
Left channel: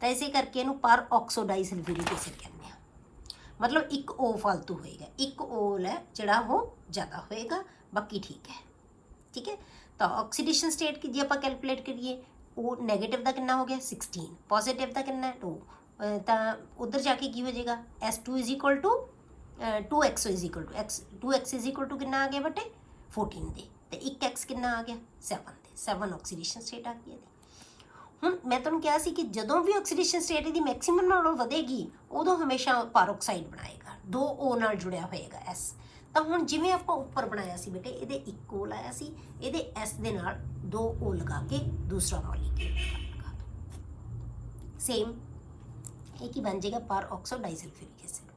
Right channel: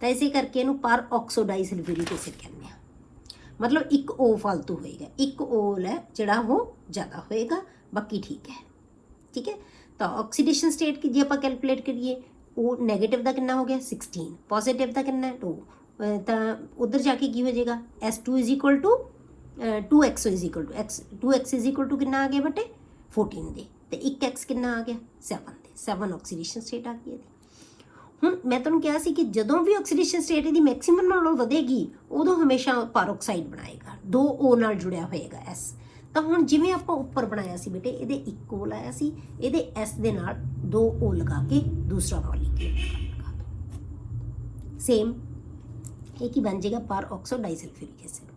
ਤਾਂ ਇਸੇ ਕਰਕੇ ਇਹਨੂੰ ਪਰ ਆਕਸੋ ਡਾਈਸਲਫਿਊਰਿਕ ਐਸਿਡ ਕਹਿੰਦੇ ਆ। ਮਤਲਬ ਇੱਕ O ਫालतू ਹੋਏਗਾ, ਇੱਕ O ਹੈ ਜਿਹੜਾ ਉਹ ਜ਼ਿਆਦਾ ਹੋਏਗਾ, ਬਾਕੀ ਠੀਕ ਹੈ, ਠੀਕ ਹੈ। ਤਾਂ ਆਕਸੀਡੇਸ਼ਨ ਸਟੇਟ ਕੀ ਜੇ ਆਪਾਂ ਕੈਲਕੂਲੇਟ ਕਰੀਏ, ਉਹ ਨੈਗੇਟਿਵ ਦਾ ਕਿੰਨਾ ਹੋ ਗਿਆ 16, ਪੋਜ਼ਿਟਿਵ ਦਾ ਕਿੰਨਾ 2, ਤਾਂ ਉਧਰ ਜਾ ਕੇ ਕੀ ਹੋ ਜਾਏਗਾ S2 = 2x = ਕਿੰਨਾ ਆ ਗਿਆ ਬੇਟੇ 14 ਦੇ, ਤੇ 1x ਕਿੰਨਾ ਆ ਗਿਆ 7 ਦੇ। 7 ਆਕਸੀਡੇਸ਼ਨ ਸਟੇਟ ਆ ਗਈ ਇਹਦੀ। ਹੁਣ ਮੈਂ ਤੁਹਾਨੂੰ ਕਿਹਾ ਸੀ ਕਿ ਜਦੋਂ ਵੀ ਆਕਸੀਡੇਸ਼ਨ ਸਟੇਟ ਇਹਦੀ ਮੈਕਸਿਮਮ ਨਾਲੋਂ ਵਧੇਗੀ ਉਦੋਂ ਹਮੇਸ਼ਾ ਪੈਰੋਕਸਾਈਡ ਬਣਾਏਗਾ, 2 O ਨਾਲ ਜੁੜਿਆ ਹੋਏਗਾ S। ਤਾਂ ਹੁਣ ਜਿਵੇਂ ਆਪਾਂ ਉੱਪਰ ਬਣਾਇਆ ਸੀ ਬੇਟੇ, ਇਹਦੇ 1 O ਲਾਇਆ ਸੀ, ਇਹਦੇ S ਦੇ ਨਾਲ 2 O ਲਗਾ ਕੇ ਦੂਸਰਾ ਮੋਲੀਕਿਊਲ ਲਗਾ ਦੋ। ਸੇਮ ਇਹ ਕੀ ਬਣ ਜਾਏਗਾ ਪਰ ਆਕਸੋ ਡਾਈਸਲਫਿਊਰਿਕ ਐਸਿਡ।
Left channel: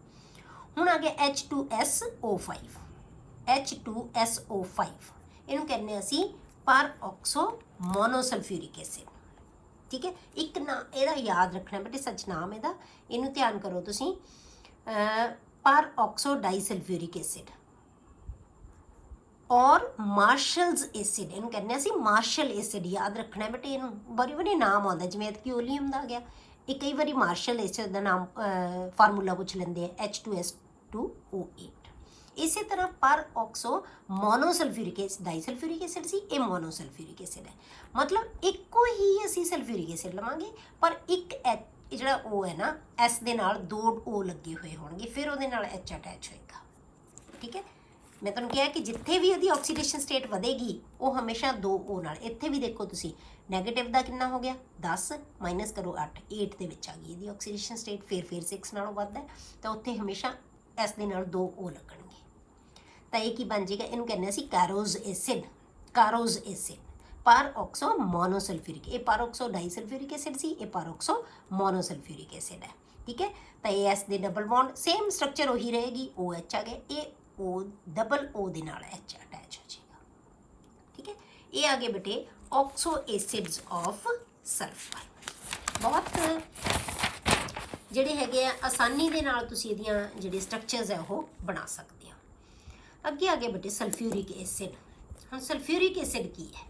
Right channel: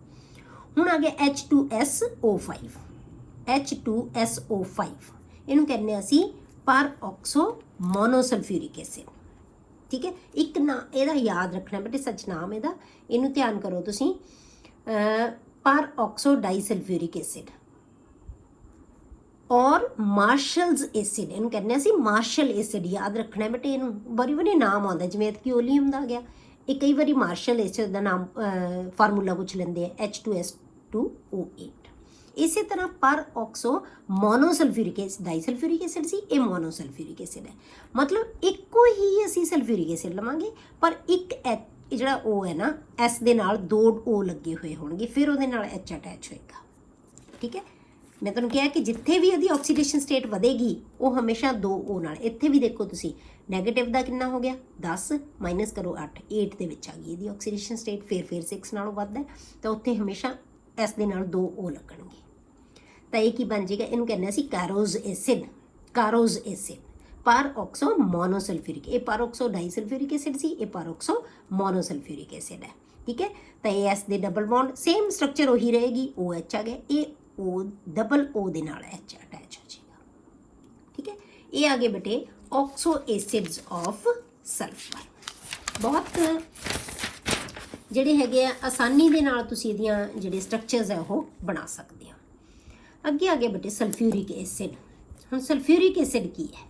ਹੁਣ ਆ ਗਿਆ H2SO5। H2SO5 ਇਹਨੂੰ ਕਹਿੰਦੇ ਅਸੀਂ ਪਰ ਆਕਸੋ ਮੋਨੋਸਲਫਿਊਰਿਕ ਐਸਿਡ, ਠੀਕ ਹੈ। ਇੱਕ ਨਾ ਇਹਦਾ ਯਾਦ ਰੱਖਣਾ ਬੇਟੇ, ਸੱਚ ਨਾਮ ਇਹਦਾ, ਇਹਨੂੰ ਧਿਆਨ ਕਰੋ ਤੁਸੀਂ, ਪਰ ਆਕਸੋ ਡਾਈਸਲਫਿਊਰਿਕ ਐਸਿਡ ਔਰ ਮਾਰਸ਼ਲਸ ਐਸਿਡ। ਇਹਨੂੰ ਕਹਿੰਦੇ ਅਸੀਂ ਮਾਰਸ਼ਲ ਐਸਿਡ, ਯਾਦ ਰੱਖਣਾ ਬੇਟੇ। ਇਹਨੂੰ ਬੜੀ ਨਾਮ ਆਉਂਦਾ, ਜਿਵੇਂ ਕਿ ਓਲੀਅਮ ਦਾ ਆ ਗਿਆ, ਇਹ ਕਈ ਵਾਰੀ ਮਾਰਸ਼ਲ ਐਸਿਡ ਦਾ ਨਾਮ ਫਾਰਮੂਲਾ ਪੁੱਛ ਲੈਂਦੇ ਆ, H2S2O8। ਇਸੇ ਤਰ੍ਹਾਂ ਪਰ ਆਕਸੋ ਮੋਨੋਸਲਫਿਊਰਿਕ ਐਸਿਡ, ਡਾਈਸਲਫਿਊਰਿਕ ਐਸਿਡ ਸੀ, ਇਹ ਮੋਨੋਸਲਫਿਊਰਿਕ ਐਸਿਡ ਹੈ। ਮਤਲਬ ਇੱਕੋ ਹੀ ਅਸੀਂ ਸਲਫਿਊਰਿਕ ਐਸਿਡ ਲਵਾਂਗੇ, ਪਰ ਇੱਕ ਜਿਹੜਾ O ਹੈ ਨਾ S ਦੇ ਨਾਲ 2 O ਲੱਗੇ ਹੋਏ ਹੋਣਗੇ, ਫਿਰ ਉਹਦੇ ਨਾਲ H ਅਟੈਚ ਹੋਏਗਾ, ਠੀਕ ਹੈ। ਮੈਂ ਤੁਹਾਨੂੰ ਕਿਹਾ ਕਿ ਜਿੱਥੇ ਵੀ ਉਹਦੀ ਆਕਸੀਡੇਸ਼ਨ ਸਟੇਟ ਵਧੇਗੀ ਉਹ ਹਮੇਸ਼ਾ 2 O ਨਾਲ। ਇੱਥੇ ਵੀ ਦੇਖੋ ਤੁਸੀਂ, ਨੈਗੇਟਿਵ ਦਾ ਕਿੰਨਾ ਹੋ ਗਿਆ 10 ਮਾਈਨਸ ਕਰੋ 8 ਦੇ ਵਿੱਚ ਆ ਗਈ ਇਹਦੀ ਆਕਸੀਡੇਸ਼ਨ ਸਟੇਟ, ਫਿਰ 6 ਨਾਲੋਂ ਵੱਧ ਹੈ, ਤਾਂ ਉੱਥੇ ਹਮੇਸ਼ਾ S ਦੇ ਨਾਲ 2 O ਲੱਗਣਗੇ। ਤਾਂ ਇਹ ਕੀ ਬਣ ਜਾਏਗਾ, ਇਹਨੂੰ ਕਹਿੰਦੇ ਅਸੀਂ ਕਾਰੋਜ਼ ਐਸਿਡ, ਪਰ ਆਕਸੋ ਮੋਨੋਸਲਫਿਊਰਿਕ। ਇਹ ਪਰ ਆਕਸੋ ਡਾਈਸਲਫਿਊਰਿਕ ਐਸਿਡ ਸੀ, ਇਹ ਪਰ ਆਕਸੋ ਮੋਨੋਸਲਫਿਊਰਿਕ ਐਸਿਡ ਹੈ, ਠੀਕ ਹੈ। ਤਾਂ ਇਹ S ਦੇ ਡਬਲ ਬੌਂਡ, ਸੇਮ ਸਟਰਕਚਰ ਉਹੀ ਰਹੇਗੀ, OH ਆ ਗਿਆ, ਇਹ O ਡਬਲ O ਦੇ ਨਾਲ H ਅਟੈਚ ਹੋ ਜਾਏਗਾ, ਠੀਕ ਹੈ। ਇਹ ਆ ਗਏ ਬੇਟੇ ਆਕਸੋ ਐਸਿਡਸ ਆਫ ਸਲਫਰ। ਬਹੁਤ ਜਿਹੜੇ ਹੈਗੇ ਆ ਆਸਾਨੀ ਦੇ ਨਾਲ ਤੁਸੀਂ ਇਹਦੀਆਂ ਜਿਹੜੇ ਸਟਰਕਚਰਸ ਹੈ ਉਹ ਬਣਾ ਸਕਦੇ ਆ। ਅੱਗੇ ਆ ਗਏ ਬੇਟੇ ਸਲਫਿਊਰਿਕ ਐਸਿਡ। ਹੁਣ ਸਲਫਿਊਰਿਕ ਐਸਿਡ ਕੀ ਹੈ?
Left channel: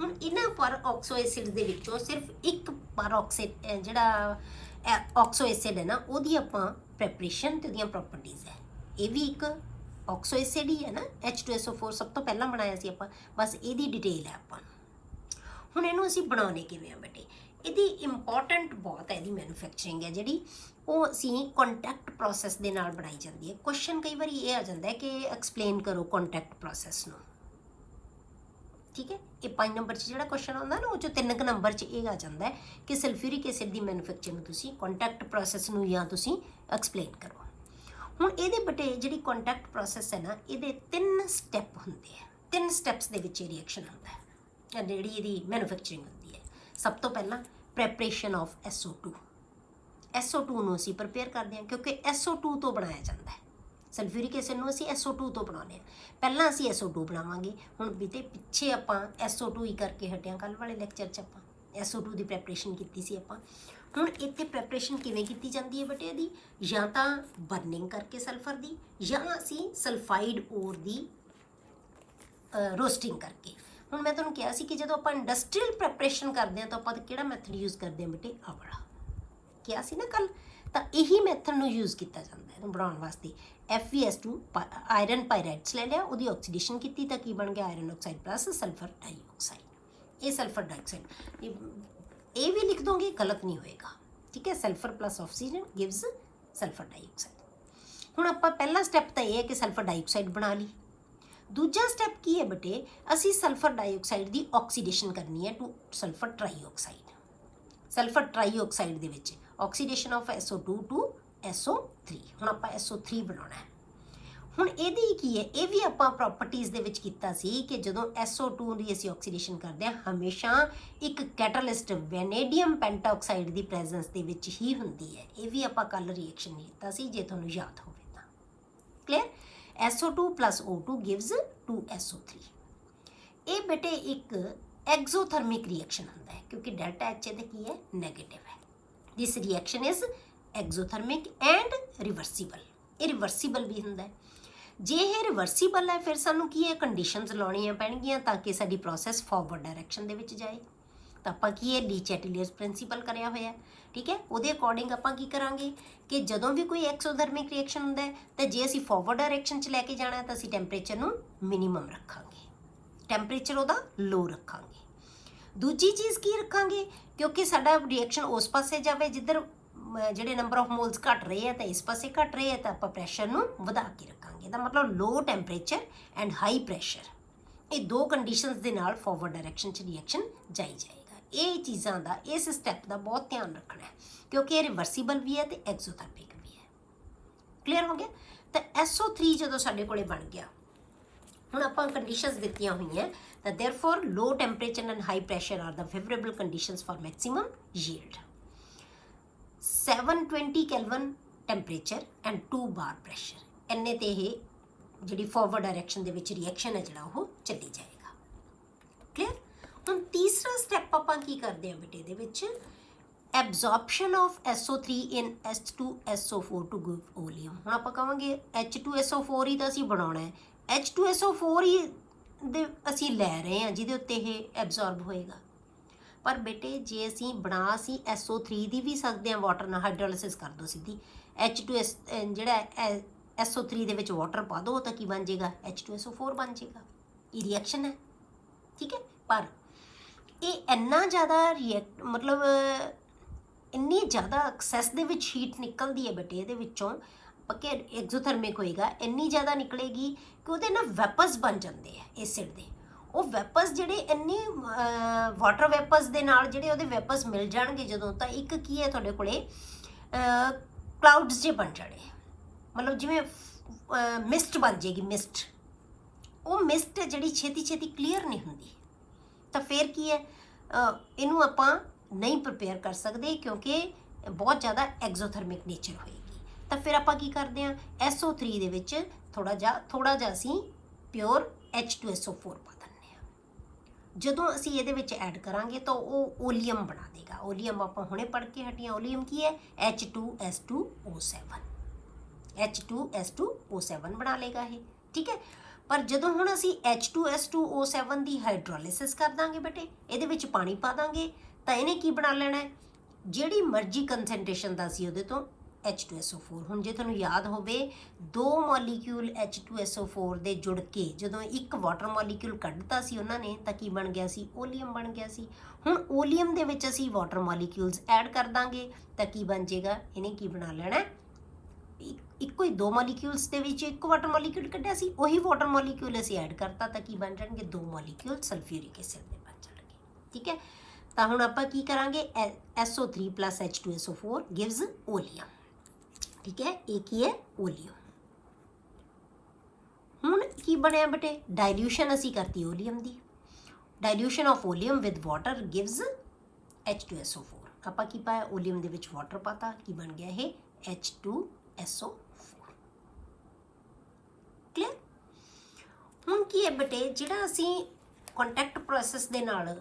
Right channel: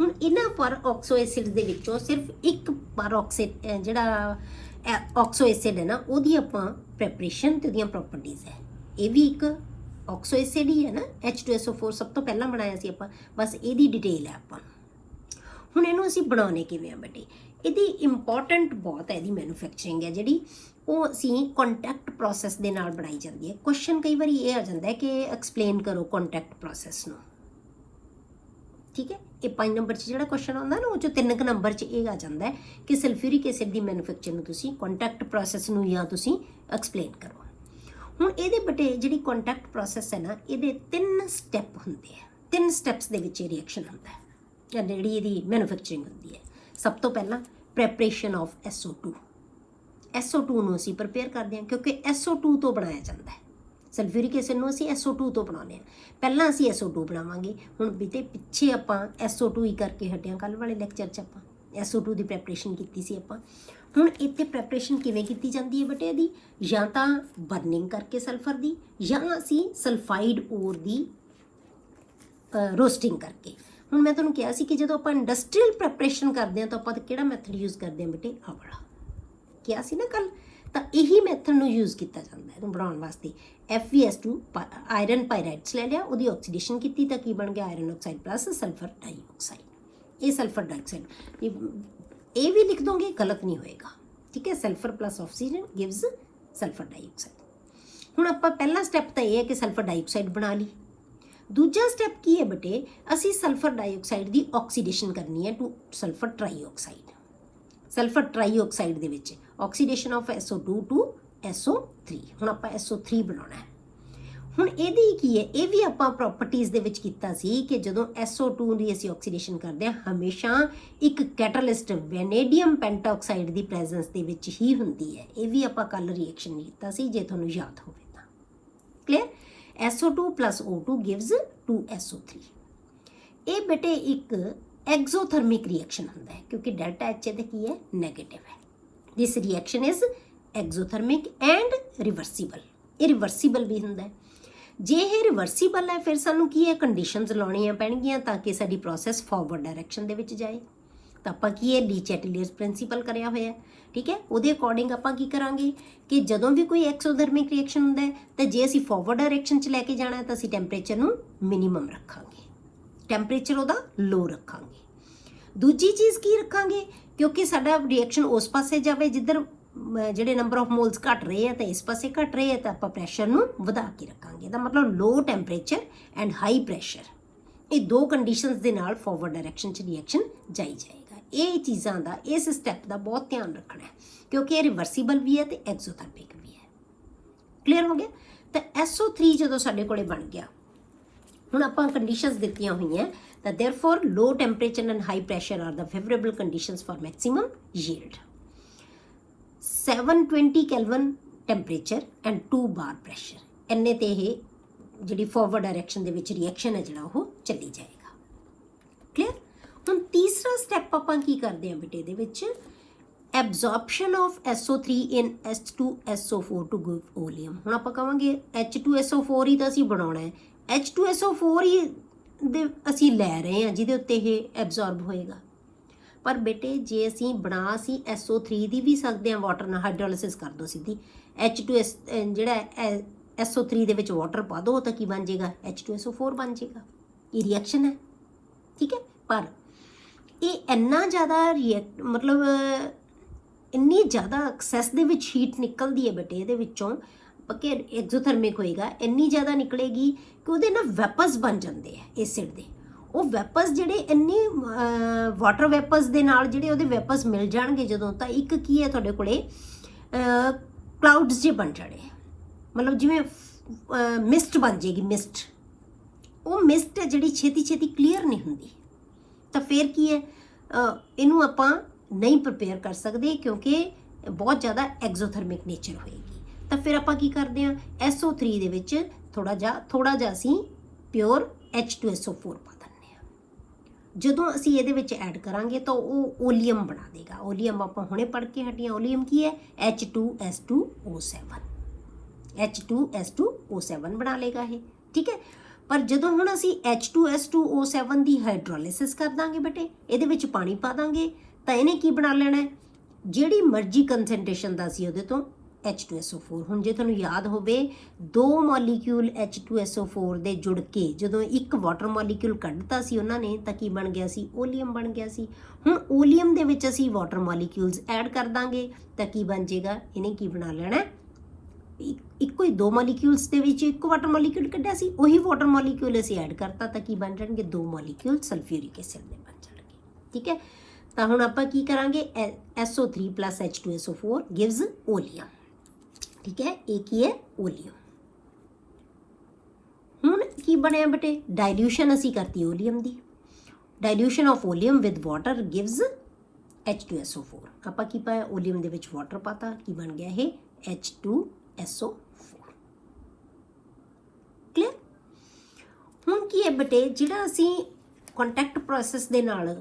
ਹੁਣ ਇਹਨਾਂ ਪਰ ਆਕਸੋ ਐਸਿਡ ਦੇ ਵਿੱਚੋਂ ਸਿਰਫ ਇੱਕ ਪਰ ਆਕਸਾਈਡ ਜਿਹੜਾ ਆਕਸੋ ਐਸਿਡ ਹੈ ਨਾ, ਉਹਦੀ ਆਪਾਂ ਪ੍ਰੈਪਰੇਸ਼ਨ ਤੇ ਉਹਦੀਆਂ ਪ੍ਰੋਪਰਟੀਜ਼ ਹੈ। ਇਹ ਵੀ ਇੱਕ ਆਕਸੋ ਐਸਿਡ ਹੀ ਹੈ ਨਾ, H2SO4 ਸਭ ਤੋਂ ਪਹਿਲਾਂ ਬਣਾਇਆ ਸੀ ਆਪਾਂ, ਬਸ ਇਹਦੀ ਡਿਟੇਲ ਹੈ ਆਪਾਂ। ਹੁਣ ਇਹਨੂੰ ਅਸੀਂ ਬਣਾਉਣੇ ਕਿਵੇਂ ਆ ਬੇਟੇ? ਇਹਦੀ ਇੰਪੋਰਟੈਂਟ ਬਹੁਤ ਹੈ, ਇਹਦੀ ਮੈਨੂਫੈਕਚਰਿੰਗ ਹੈ ਜਿਹੜੀ, ਉਹ ਅਸੀਂ ਕੰਟੈਕਟ ਪ੍ਰੋਸੈਸ ਦੇ ਨਾਲ ਬਣਾਈ ਜਾਂਦੀ ਹੈ। ਕੁਐਸਚਨ ਕਈ ਵਾਰੀ ਇਹ ਆ ਜਾਂਦਾ ਹੈ ਕਿ ਐਕਸਪਲੇਨ ਕਰੋ ਕੰਟੈਕਟ ਪ੍ਰੋਸੈਸ ਨੂੰ, ਠੀਕ ਹੈ। ਇਹ 5 ਨੰਬਰ 'ਚ ਜਿਹੜਾ ਕੁਐਸਚਨ ਆਉਂਦਾ ਨਾ, ਉਹ 'ਚੋਂ 3 ਨੰਬਰ 'ਚ ਇਹ ਆ ਜਾਂਦਾ ਹੈ ਕਿ ਸਲਫਿਊਰਿਕ ਐਸਿਡ ਦੀ ਮੈਨੂਫੈਕਚਰ ਨੂੰ ਤੁਸੀਂ ਕੰਟੈਕਟ ਪ੍ਰੋਸੈਸ ਨੂੰ ਜਾਂ ਤੁਸੀਂ ਐਕਸਪਲੇਨ ਕਰੋ। ਹੁਣ ਇਹਦੇ ਬਟੇ ਜਿਹੜੀ ਕੰਟੈਕਟ ਪ੍ਰੋਸੈਸ ਹੈ ਨਾ, ਇਹਦੇ 3 ਸਟੈਪ ਹੁੰਦੇ ਆ। 3 ਸਟੈਪਸ ਦੇ ਵਿੱਚ ਇਹ ਰਿਐਕਸ਼ਨ ਹੁੰਦਾ ਹੈ, ਜਿਹੜੀ ਇਹਦੀ ਮੈਨੂਫੈਕਚਰਿੰਗ ਹੁੰਦੀ ਹੈ। ਸਭ ਤੋਂ ਪਹਿਲਾਂ ਪ੍ਰੈਪਰੇਸ਼ਨ ਆਫ SO2। SO2 ਨੂੰ ਅਸੀਂ ਪ੍ਰਪੇਅਰ ਕਰਦੇ ਹਾਂ, ਕਿਉਂਕਿ SO2 ਤੋਂ ਬਣਾਇਆ ਜਾਂਦਾ ਹੈ। ਸਲਫਿਊਰਿਕ ਐਸਿਡ ਨੂੰ ਅਸੀਂ SO2 ਤੋਂ ਬਣਾਉਂਦੇ ਹਾਂ। ਪਹਿਲਾਂ ਅਸੀਂ SO2 ਬਣਾਵਾਂਗੇ। ਹੁਣ ਬੀਤੇ ਪਿੱਛੇ ਆਪਾਂ SO2 ਹੀ ਕਰਕੇ ਹਟਿਆ, ਕੱਲ੍ਹ ਵਾਲੇ ਲੈਕਚਰ 'ਚ ਆਪਾਂ SO2 ਦੀ ਪ੍ਰੈਪਰੇਸ਼ਨ ਕੀਤੀ ਸੀ ਆਪਾਂ। ਹੁਣ ਇੱਥੇ ਪ੍ਰੈਪਰੇਸ਼ਨ ਕਿਵੇਂ ਕੀਤੀ ਜਾਂਦੀ ਹੈ ਬੇਟੇ ਇਹਦੀ? ਜਾਂ ਤਾਂ ਬਰਨਿੰਗ ਕਰਕੇ ਸਲਫਰ ਦੀ, ਜਾਂ ਅਸੀਂ ਸਲਫਾਈਡ ਓਰ ਦੀ ਰੋਸਟਿੰਗ ਕਰਕੇ। ਹੁਣ ਮੈਂ ਤੁਹਾਨੂੰ ਕਿਹਾ ਸੀ ਕਿ ਜਦੋਂ ਆਪਾਂ ਇੰਡਸਟਰੀਅਲ ਪ੍ਰੈਪਰੇਸ਼ਨ ਕਰਦੇ ਹਾਂ ਤਾਂ ਆਪਾਂ ਕਿਹੜਾ ਮੈਥਡ ਯੂਜ਼ ਕਰਦੇ ਹਾਂ ਬੇਟੇ? ਆਹ ਵਾਲਾ ਕਿਹਾ ਸੀ ਨਾ ਕੱਲ। ਤਾਂ ਇਹੀ ਮੈਥਡ ਨੂੰ ਯੂਜ਼ ਕੀਤਾ ਜਾਂਦਾ ਇਹਨੂੰ ਬਣਾਉਣ ਵਾਸਤੇ। FeS2 ਆਇਰਨ ਪਾਇਰਾਈਡਸ ਲੈ ਲਿਆ, ਉਹਦੀ ਆਕਸੀਡੇਸ਼ਨ ਕੀਤੀ ਤਾਂ ਕੀ ਬਣ ਗਿਆ? Iron oxide plus sulphur dioxide. ਇਹ ਸਲਫਰ ਡਾਈਆਕਸਾਈਡ ਇਹ ਵੀ ਲਿਖ ਦੋਗੇ, ਗਲਤ ਨਹੀਂ ਹੋਏਗਾ, ਠੀਕ ਹੈ। Sulphur plus oxygen gives sulphur dioxide. ਹੁਣ ਆਪਾਂ ਪਹਿਲਾ ਸਟੈਪ ਤਾਂ ਇਹ ਹੈ ਕਿ ਸਲਫਰ ਡਾਈਆਕਸਾਈਡ ਬਣਾ ਲਈ। ਦੂਜਾ ਸਟੈਪ ਕੀ ਹੈ ਬੇਟੇ? ਅਸੀਂ ਸਲਫਰ ਡਾਈਆਕਸਾਈਡ ਦੀ ਆਕਸੀਡੇਸ਼ਨ ਕਰਨੀ ਹੈ ਟੂ ਸਲਫਰ ਟ੍ਰਾਈਆਕਸਾਈਡ। ਸਲਫਰ ਟ੍ਰਾਈਆਕਸਾਈਡ ਦੇ ਵਿੱਚ oxidation of SO2 to SO3। ਹੁਣ ਆਪਾਂ SO3 ਬਣਾਉਣਾ ਹੈ। ਹੁਣ ਇਹਦੀ ਕੀ ਹੈ? ਇਹ ਵੀ ਆਪਾਂ ਪ੍ਰੋਪਰਟੀਜ਼ ਦੇ ਵਿੱਚ ਕੀਤਾ ਸੀ ਕਿ ਜਦੋਂ SO2 ਦੀ ਅਸੀਂ ਆਕਸੀਡੇਸ਼ਨ ਕਰਦੇ ਹਾਂ, ਹਮੇਸ਼ਾ ਇੱਕ ਕੈਟਾਲਿਸਟ ਵੈਨੇਡੀਅਮ ਪੈਂਟਾਆਕਸਾਈਡ ਦੀ ਪ੍ਰੈਜ਼ੈਂਸ ਦੇ ਵਿੱਚ ਹੀ ਹੁੰਦੀ ਹੈ। ਇਹ ਵੀ ਆਪਾਂ ਕੱਲ ਰਿਐਕਸ਼ਨ ਕੀਤਾ ਸੀ, ਜੇ ਤੁਹਾਨੂੰ ਯਾਦ ਹੋਵੇ ਤਾਂ। Clear? SO2 plus O2 gives 2SO3। ਇਹ ਬੇਟੇ ਇੱਕ ਐਗਜ਼ੋਥਰਮਿਕ ਰਿਐਕਸ਼ਨ ਹੁੰਦਾ ਹੈ, ਕਿਉਂਕਿ ਡੈਲਟਾ H ਇਹਦੇ ਕੀ ਹੈ? ਨੈਗੇਟਿਵ ਹੈ। This reaction is exothermic and reversible. ਇਹ ਰਿਵਰਸੀਬਲ ਵੀ ਹੁੰਦਾ ਹੈ। ਜੇ ਇਹ ਰਿਵਰਸੀਬਲ ਹੈ, ਫਿਰ ਸਾਨੂੰ ਕੀ ਹੈ? ਕੰਡੀਸ਼ਨਸ ਲਾਉਣੀਆਂ ਪੈਣਗੀਆਂ ਤਾਂ ਕਿ ਸਾਡੀ ਪ੍ਰੋਸੈਸ ਫਾਰਵਰਡ ਡਾਇਰੈਕਸ਼ਨ ਦੇ ਵਿੱਚ ਜਾਏ। ਤਾਂ ਆਪਾਂ ਕੀ ਹੈ? ਲੀ ਚੈਟਲੀਅਰਸ ਪ੍ਰਿੰਸੀਪਲ ਕਰਿਆ ਹੋਇਆ, ਠੀਕ ਹੈ। ਉਹਦੇ ਅਕੋਰਡਿੰਗ ਆਪਾਂ ਕੀ ਕਰਾਂਗੇ ਕਿ ਜਦੋਂ ਵੀ ਕੋਈ ਐਕਸੋਥਰਮਿਕ ਰਿਐਕਸ਼ਨ ਹੁੰਦਾ ਹੈ ਤਾਂ ਜੇ ਅਸੀਂ ਫਾਰਵਰਡ ਡਾਇਰੈਕਸ਼ਨ 'ਚ ਲੈ ਕੇ ਜਾਣਾ ਹੈ ਤਾਂ ਅਸੀਂ ਟੈਂਪਰੇਚਰ ਨੂੰ ਮਿਨੀਮਮ ਰੱਖਾਂਗੇ, ਟੈਂਪਰੇਚਰ ਉਹਦਾ ਲੋ ਰੱਖਾਂਗੇ। ਦੂਜੀ ਚੀਜ਼ ਕੀ ਰੱਖਾਂਗੇ? ਕਿਉਂਕਿ ਸਾਡਾ ਰਿਐਕਸ਼ਨ ਉਸ ਪਾਸੇ ਜਾਵੇ ਜਿੱਧਰ ਜਿਹੜੇ ਨੰਬਰ ਆਫ ਮੋਲਸ ਘਟ ਰਹੇ ਆ ਤਾਂ ਇਸ ਪਾਸੇ ਘਟ ਰਹੇ ਆ, ਤਾਂ ਆਪਾਂ ਪ੍ਰੈਸ਼ਰ ਨੂੰ ਵਧਾ ਕੇ ਰੱਖਾਂਗੇ। ਇਹਦਾ ਮਤਲਬ ਲੋ ਟੈਂਪਰੇਚਰ ਐਂਡ ਹਾਈ ਪ੍ਰੈਸ਼ਰ, ਇਹ ਦੋ ਕੰਡੀਸ਼ਨਸ ਦੇ ਨਾਲ ਫਾਰਵਰਡ ਡਾਇਰੈਕਸ਼ਨ 'ਚ ਰਿਐਕਸ਼ਨ ਜਾਈ ਜਾਏਗਾ। ਇਹ ਚੀਜ਼ਾਂ ਦਾ, ਇਸ ਸਟੈਪ ਦਾ ਬਹੁਤ ਧਿਆਨ ਰੱਖਣਾ ਹੈ, ਕਿਉਂਕਿ ਇਹ ਰਿਵਰਸੀਬਲ ਵੀ ਹੈ ਤੇ ਐਕਸੋਥਰਮਿਕ ਵੀ ਹੈ। ਕਲੀਅਰ ਹੋ ਗਿਆ? ਤਾਂ SO3 ਜਦੋਂ ਸਾਡੇ ਕੋਲੇ ਬਣ ਗਿਆ, ਹੁਣ ਆਪਾਂ ਕੰਡੀਸ਼ਨਸ ਦਿੱਤੀਆਂ ਹੋਈਆਂ ਤਾਂ therefore low temperature and high pressure are the favorable conditions for maximum yield. 720 Kelvin temperature and 2 bar pressure, ਇੰਨੇ ਤੇ ਇਹ ਜਿਹੜੀ ਫਾਰਵਰਡ ਡਾਇਰੈਕਸ਼ਨ ਦੇ ਵਿੱਚ ਰਿਐਕਸ਼ਨ ਹੈ ਜਿਹੜਾ ਉਹ ਚੱਲੀ ਜਾਏਗਾ। ਕਲੀਅਰ? ਹੁਣ ਤੀਸਰਾ ਸਟੈਪ ਆਪਾਂ ਕੀ ਕਰਦੇ ਹਾਂ ਬੇਟੇ ਦੇ ਵਿੱਚ? ਐਬਜ਼ੌਰਪਸ਼ਨ of SO3 in H2SO4 to give oleum। ਹੁਣ ਆਪਾਂ ਕਹਾਂਗੇ H2SO4 ਹੀ ਤਾਂ ਅਸੀਂ ਬਣਾਉਣਾ ਹੈ, H2SO4 ਹੀ ਦੇ ਅਸੀਂ ਲੈ ਰਹੇ ਹਾਂ ਜਿਹਦੇ ਉੱਤੇ ਇਹ ਐਬਜ਼ੌਰਬ ਹੋਏਗਾ। ਪਰ ਬੇਟੇ ਜੇ ਅਸੀਂ SO3 ਦੀ ਵੀ ਸਕਦੇ ਹਾਂ ਵਾਟਰ ਨਾਲ, ਹਾਈਡਰੋਲਿਸਿਸ ਕਰ ਦਿਓ ਸਿੱਧੀ, H2S ਜਿਹੜਾ SO3 ਦੇ ਵਿੱਚ ਵਾਟਰ ਪਾ ਦਿਓ ਤਾਂ ਕੀ ਬਣ ਜਾਏਗਾ? H2SO4 ਬਣ ਜਾਏਗਾ। ਇਹ ਰਿਐਕਸ਼ਨ ਹੈ, ਠੀਕ ਹੈ। ਪਰ ਇਹ ਇੰਨਾ ਜ਼ਿਆਦਾ ਮਤਲਬ ਇੰਨੀ ਜ਼ਿਆਦਾ ਐਕਸੈਸ ਦੇ ਵਿੱਚ ਹੀਟ ਨਿਕਲਦੀ ਹੈ ਬੇਟੇ ਇਹਦੇ ਵਿੱਚੋਂ, ਪੱਕੇ ਐਗਜ਼ੋਥਰਮਿਕ ਹੋਏਗਾ, ਇੰਨੀ ਜ਼ਿਆਦਾ ਨਿਕਲੇਗੀ ਕਿ ਉਹਦੇ ਨਾਲ ਵੈਪਰਸ ਬਣ ਜਾਂਦੇ ਆ ਐਸਿਡ ਦੇ। ਉਹ ਵੈਪਰਸ ਜਿਹੜੇ ਇੰਨੇ ਵਾਟਰ ਵੈਪਰਸ ਦੇ ਨਾਲ ਜਿਹੜੇ ਉਹਦੇ ਵੈਪਰਸ ਮਿਲ ਜਾਣਗੇ ਜਦੋਂ, ਤਾਂ ਇੱਕ ਕੀ ਹੈ ਤੁਹਾਡੇ ਕੋਲੇ ਕਲਾਊਡਸ ਜਿਹੇ ਬਣ ਜਾਣੇ, ਮਤਲਬ ਜਿਵੇਂ ਮਿਸਟ ਬਣ ਜਾਏਗੀ। ਮਿਸਟ, ਉਹ ਮਿਸਟ ਹੈ ਜਿਹੜੀ ਛੇਤੀ ਛੇਤੀ ਕਲੀਅਰ ਨਹੀਂ ਹੁੰਦੀ। ਤਾਂ ਫਿਰ ਕੀ ਹੈ, ਇਹਨੂੰ ਆਪਾਂ ਨਹੀਂ ਪ੍ਰਪੇਅਰ ਕਰ ਸਕਦੇ ਕਿਉਂਕਿ ਬਹੁਤ ਜ਼ਿਆਦਾ ਐਗਜ਼ੋਥਰਮਿਕ ਨੇਚਰ ਹੋਏਗੀ। ਤਾਂ ਫਿਰ ਆਪਾਂ ਕੀ ਕਰਦੇ ਹਾਂ? SO3 ਦੇ ਵਿੱਚ ਥੋੜਾ ਜਿਹਾ ਅਸੀਂ ਪਿਓਰ H2SO4 ਪਾ ਦਿੰਦੇ ਹਾਂ। ਜਦੋਂ ਅਸੀਂ ਇਹਦੇ ਵਿੱਚ ਐਡ ਕਰਾਂਗੇ ਤਾਂ ਉਹ ਓਲੀਅਮ ਬਣਾ ਦੇਗਾ। ਓਲੀਅਮ ਆਪਾਂ ਹੁਣੇ ਪੜ੍ਹ ਕੇ ਹਟੀਆਂ। ਓਲੀਅਮ ਕੀ ਹੈ? H2S2O7। H2S2O7 ਬਣਾ ਲੇਗਾ ਇਹ, ਠੀਕ ਹੈ। ਪਰ ਜਦੋਂ ਹੁਣ ਅਸੀਂ H2S2O7 ਦੀ ਹਾਈਡਰੋਲਿਸਿਸ ਕਰ ਦਾਂਗੇ ਬੇਟੇ, ਇਹਦੇ ਵਿੱਚ ਪਾਣੀ ਪਾ ਦਾਂਗੇ, ਤਾਂ ਇਹਨੇ ਕੀ ਬਣਾ ਲੈਣਾ ਹੈ? ਜਿਹੜੀ ਮਰਜ਼ੀ ਕੰਸੈਂਟ੍ਰੇਸ਼ਨ ਦਾ ਸੀ ਉਹਦੇ ਤੋਂ H2SO4। ਹੁਣ ਜੇ ਤੁਹਾਨੂੰ ਯਾਦ ਹੋਵੇ, 2 ਮੋਲੀਕਿਊਲ H2SO4 ਦੇ ਜੁੜ ਕੇ ਜਦੋਂ ਇੱਕ ਵਾਟਰ ਮੋਲੀਕਿਊਲ ਕੱਢਤਾ ਸੀ ਉਹਨਾਂ ਨੇ, ਤਾਂ ਕੀ ਬਣ ਗਿਆ ਸੀ? ਓਲੀਅਮ ਬਣ ਗਿਆ ਸੀ। ਹੁਣ ਓਲੀਅਮ ਦੇ ਵਿੱਚ ਅਸੀਂ ਵਾਟਰ ਮੋਲੀਕਿਊਲਸ ਐਡ ਕਰ ਦਾਂਗੇ ਤਾਂ ਕੀ ਬਣ ਜਾਏਗਾ? ਇਹਨੇ ਕੀ ਬਣਾ ਲੈਣਾ? ਇੱਕੋ ਹੀ 2 ਮੋਲੀਕਿਊਲਸ ਦੇ ਵਿੱਚ ਇੱਕ ਵਾਟਰ ਮੋਲੀਕਿਊਲ ਕੱਢਿਆ ਸੀ, ਉਹੀ ਵਾਟਰ ਮੋਲੀਕਿਊਲ ਅਸੀਂ ਐਡ ਕਰਤਾ ਤਾਂ ਕੀ ਬਣ ਜਾਣਗੇ? 2 ਮੋਲੀਕਿਊਲ ਸਲਫਿਊਰਿਕ ਐਸਿਡ ਦੇ ਬਣ ਜਾਣਗੇ, ਠੀਕ ਹੈ। ਤਾਂ ਹੁਣ ਆਪਾਂ ਕੀ ਕਰਾਂਗੇ? SO3 plus H2SO4 gives ਓਲੀਅਮ, ਠੀਕ ਹੈ। ਇਹ ਕੀ ਹੈ? ਓਲੀਅਮ। ਹੁਣ ਕੀ ਬਣਿਆ ਬੇਟੇ, ਡਾਇਲੂਸ਼ਨ ਅਸੀਂ ਕਰਤੀ ਓਲੀਅਮ ਦੀ। Dilution of oleum with water gives H2SO4। ਆਪਾਂ ਕੀ ਪਾਇਆ, ਓਲੀਅਮ ਦੇ ਵਿੱਚ ਵਾਟਰ ਪਾਤਾ, ਕੀ ਬਣ ਗਿਆ ਇਹ H2SO4। ਕਲੀਅਰ। ਹੁਣ ਕੀ ਹੈ ਬੇਟੇ, ਜਿਹੜਾ ਅਸੀਂ ਕੰਟੈਕਟ ਪ੍ਰੋਸੈਸ ਦੇ ਨਾਲ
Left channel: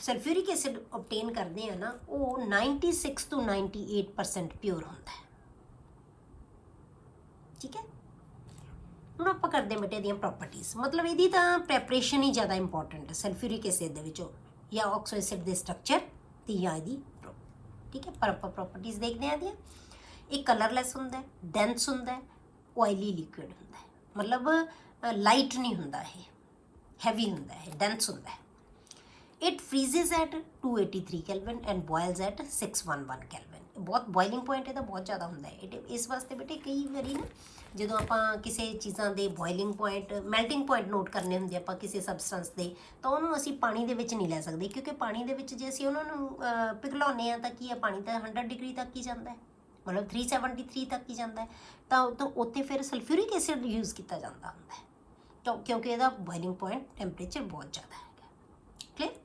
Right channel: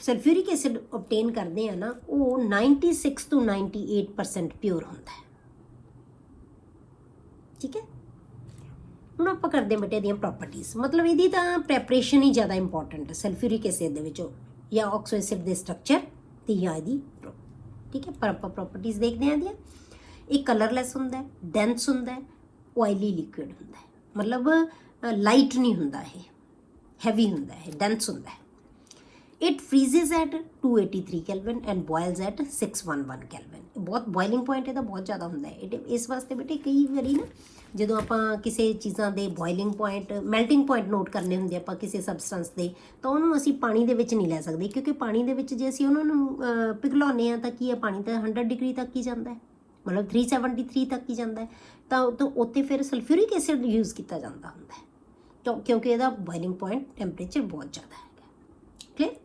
ਸਲਫਿਊਰਿਕ ਐਸਿਡ ਓਬਟੇਨ ਕਰਦੇ ਆ ਨਾ, ਉਹ 96 ਤੋਂ 98% ਪਿਓਰ ਹੁੰਦਾ ਹੈ। ਠੀਕ ਹੈ। ਹੁਣ ਆਪਾਂ ਕਰਦੇ ਬੇਟੇ ਇਹਦੀਆਂ ਪ੍ਰੋਪਰਟੀਜ਼, ਮਤਲਬ ਇਹਦੀ ਤਾਂ ਪ੍ਰੈਪਰੇਸ਼ਨ ਹੀ ਜ਼ਿਆਦਾ ਇੰਪੋਰਟੈਂਟ ਹੈ ਸਲਫਿਊਰਿਕ ਐਸਿਡ ਦੇ ਵਿੱਚੋਂ, ਜਾਂ ਆਕਸੋ ਐਸਿਡ ਦੇ ਸਟਰਕਚਰ ਤੇ ਜਾਂ ਇਹਦੀ। ਠੀਕ ਹੈ, ਪਰ ਆਪਾਂ ਪ੍ਰੋਪਰਟੀਜ਼ ਦੇਖਦੇ ਹਾਂ ਇਹਦੀਆਂ। ਇਹ ਕਲਰਲੈਸ ਹੁੰਦਾ ਹੈ, ਡੈਂਸ ਹੁੰਦਾ ਹੈ, ਆਇਲੀ ਲਿਕੁਇਡ ਹੁੰਦਾ ਹੈ, ਮਤਲਬ ਲਾਈਟ ਨਹੀਂ ਹੁੰਦਾ, ਇਹ ਹੈਵੀ ਹੁੰਦਾ ਹੈ, ਡੈਂਸ ਹੁੰਦਾ ਹੈ। It freezes at 283 Kelvin and boils at 611 Kelvin। ਬਹੁਤ ਬੋਇਲਿੰਗ ਪੁਆਇੰਟ ਇਹਦਾ ਬਹੁਤ ਜ਼ਿਆਦਾ ਹੁੰਦਾ ਹੈ। ਇਸ ਵਾਸਤੇ ਬੇਟੇ ਕਈ ਵਾਰੀ ਨਾ ਜਦੋਂ ਆਪਾਂ ਕਿਸੇ ਚੀਜ਼ਾਂ ਦੇ boiling point, melting point note ਕਰਨੇ ਹੁੰਦੇ ਆਪਾਂ ਕਿਸੇ ਸਬਸਟੈਂਸ ਦੇ, ਤਾਂ ਉਹਨੂੰ ਅਸੀਂ ਪਾਣੀ ਦੇ ਵਿੱਚ ਨਹੀਂ ਲੈ ਸਕਦੇ, ਕਿਉਂਕਿ ਪਾਣੀ ਦੇ ਵਿੱਚ ਜੇ ਅਸੀਂ ਉਹਨਾਂ ਨੂੰ ਪਿਘਲਾਉਂਦੇ ਹਾਂ ਤਾਂ ਕੀ ਹੈ, ਪਾਣੀ ਤਾਂ 100 ਡਿਗਰੀ ਤੱਕ ਹੀ ਜਾਂਦਾ ਹੈ, ਮਤਲਬ 373 ਤੱਕ ਹੀ ਜਾਂਦਾ ਹੈ, ਤਾਂ ਉੱਥੇ ਫਿਰ ਸਲਫਿਊਰਿਕ ਐਸਿਡ ਯੂਜ਼ ਕੀਤਾ ਜਾਂਦਾ ਹੁੰਦਾ ਹੈ, ਤਾਂ ਕਿਉਂਕਿ ਇਹਦਾ ਬੋਇਲਿੰਗ ਪੁਆਇੰਟ ਟੈਂਪਰੇਚਰ ਬਹੁਤ ਜ਼ਿਆਦਾ ਹੈਗਾ। Clear.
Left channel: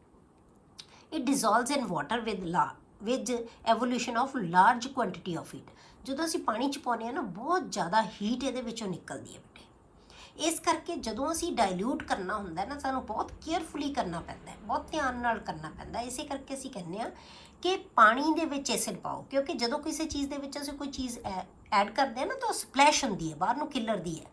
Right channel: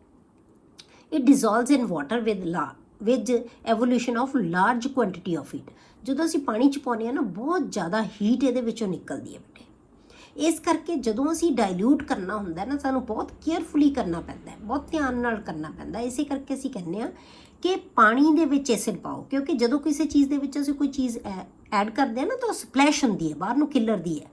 It dissolves in water with evolution of large quantity of heat। ਜਦੋਂ ਅਸੀਂ ਪਾਣੀ 'ਚ ਪਾਉਂਦੇ ਹਾਂ ਨਾ, ਬਹੁਤ ਜ਼ਿਆਦਾ ਹੀਟ ਇਹਦੇ ਵਿੱਚੋਂ ਨਿਕਲਦੀ ਹੈ ਬੇਟੇ। ਇਸ ਕਰਕੇ ਜਦੋਂ ਅਸੀਂ ਡਾਇਲੂਟ ਕਰਨਾ ਹੁੰਦਾ ਨਾ, ਸਾਨੂੰ ਬਹੁਤ ਕੇਅਰਫੁਲੀ ਕਰਨਾ ਪੈਂਦਾ ਹੈ, ਬਹੁਤ ਧਿਆਨ ਨਾਲ ਕਰਨਾ ਪੈਂਦਾ। ਇਸੇ ਕਰਕੇ ਅਸੀਂ ਕਹਿੰਦੇ ਹਾਂ ਕਿ ਪਾਣੀ ਦੇ ਵਿੱਚ ਐਸਿਡ ਪਾਓ, ਕਿਉਂਕਿ ਜਦੋਂ ਕਿਸੇ ਚੀਜ਼ ਦੇ ਵਿੱਚ ਅਸੀਂ ਕੋਈ ਚੀਜ਼ ਐਡ ਕਰਦੇ ਹਾਂ ਨਾ, ਤਾਂ ਉਹ ਸਪਲੈਸ਼ ਹੁੰਦੀ ਹੈ, ਬਾਹਰ ਨੂੰ ਖਿੱਲਰਦੀ ਹੈ।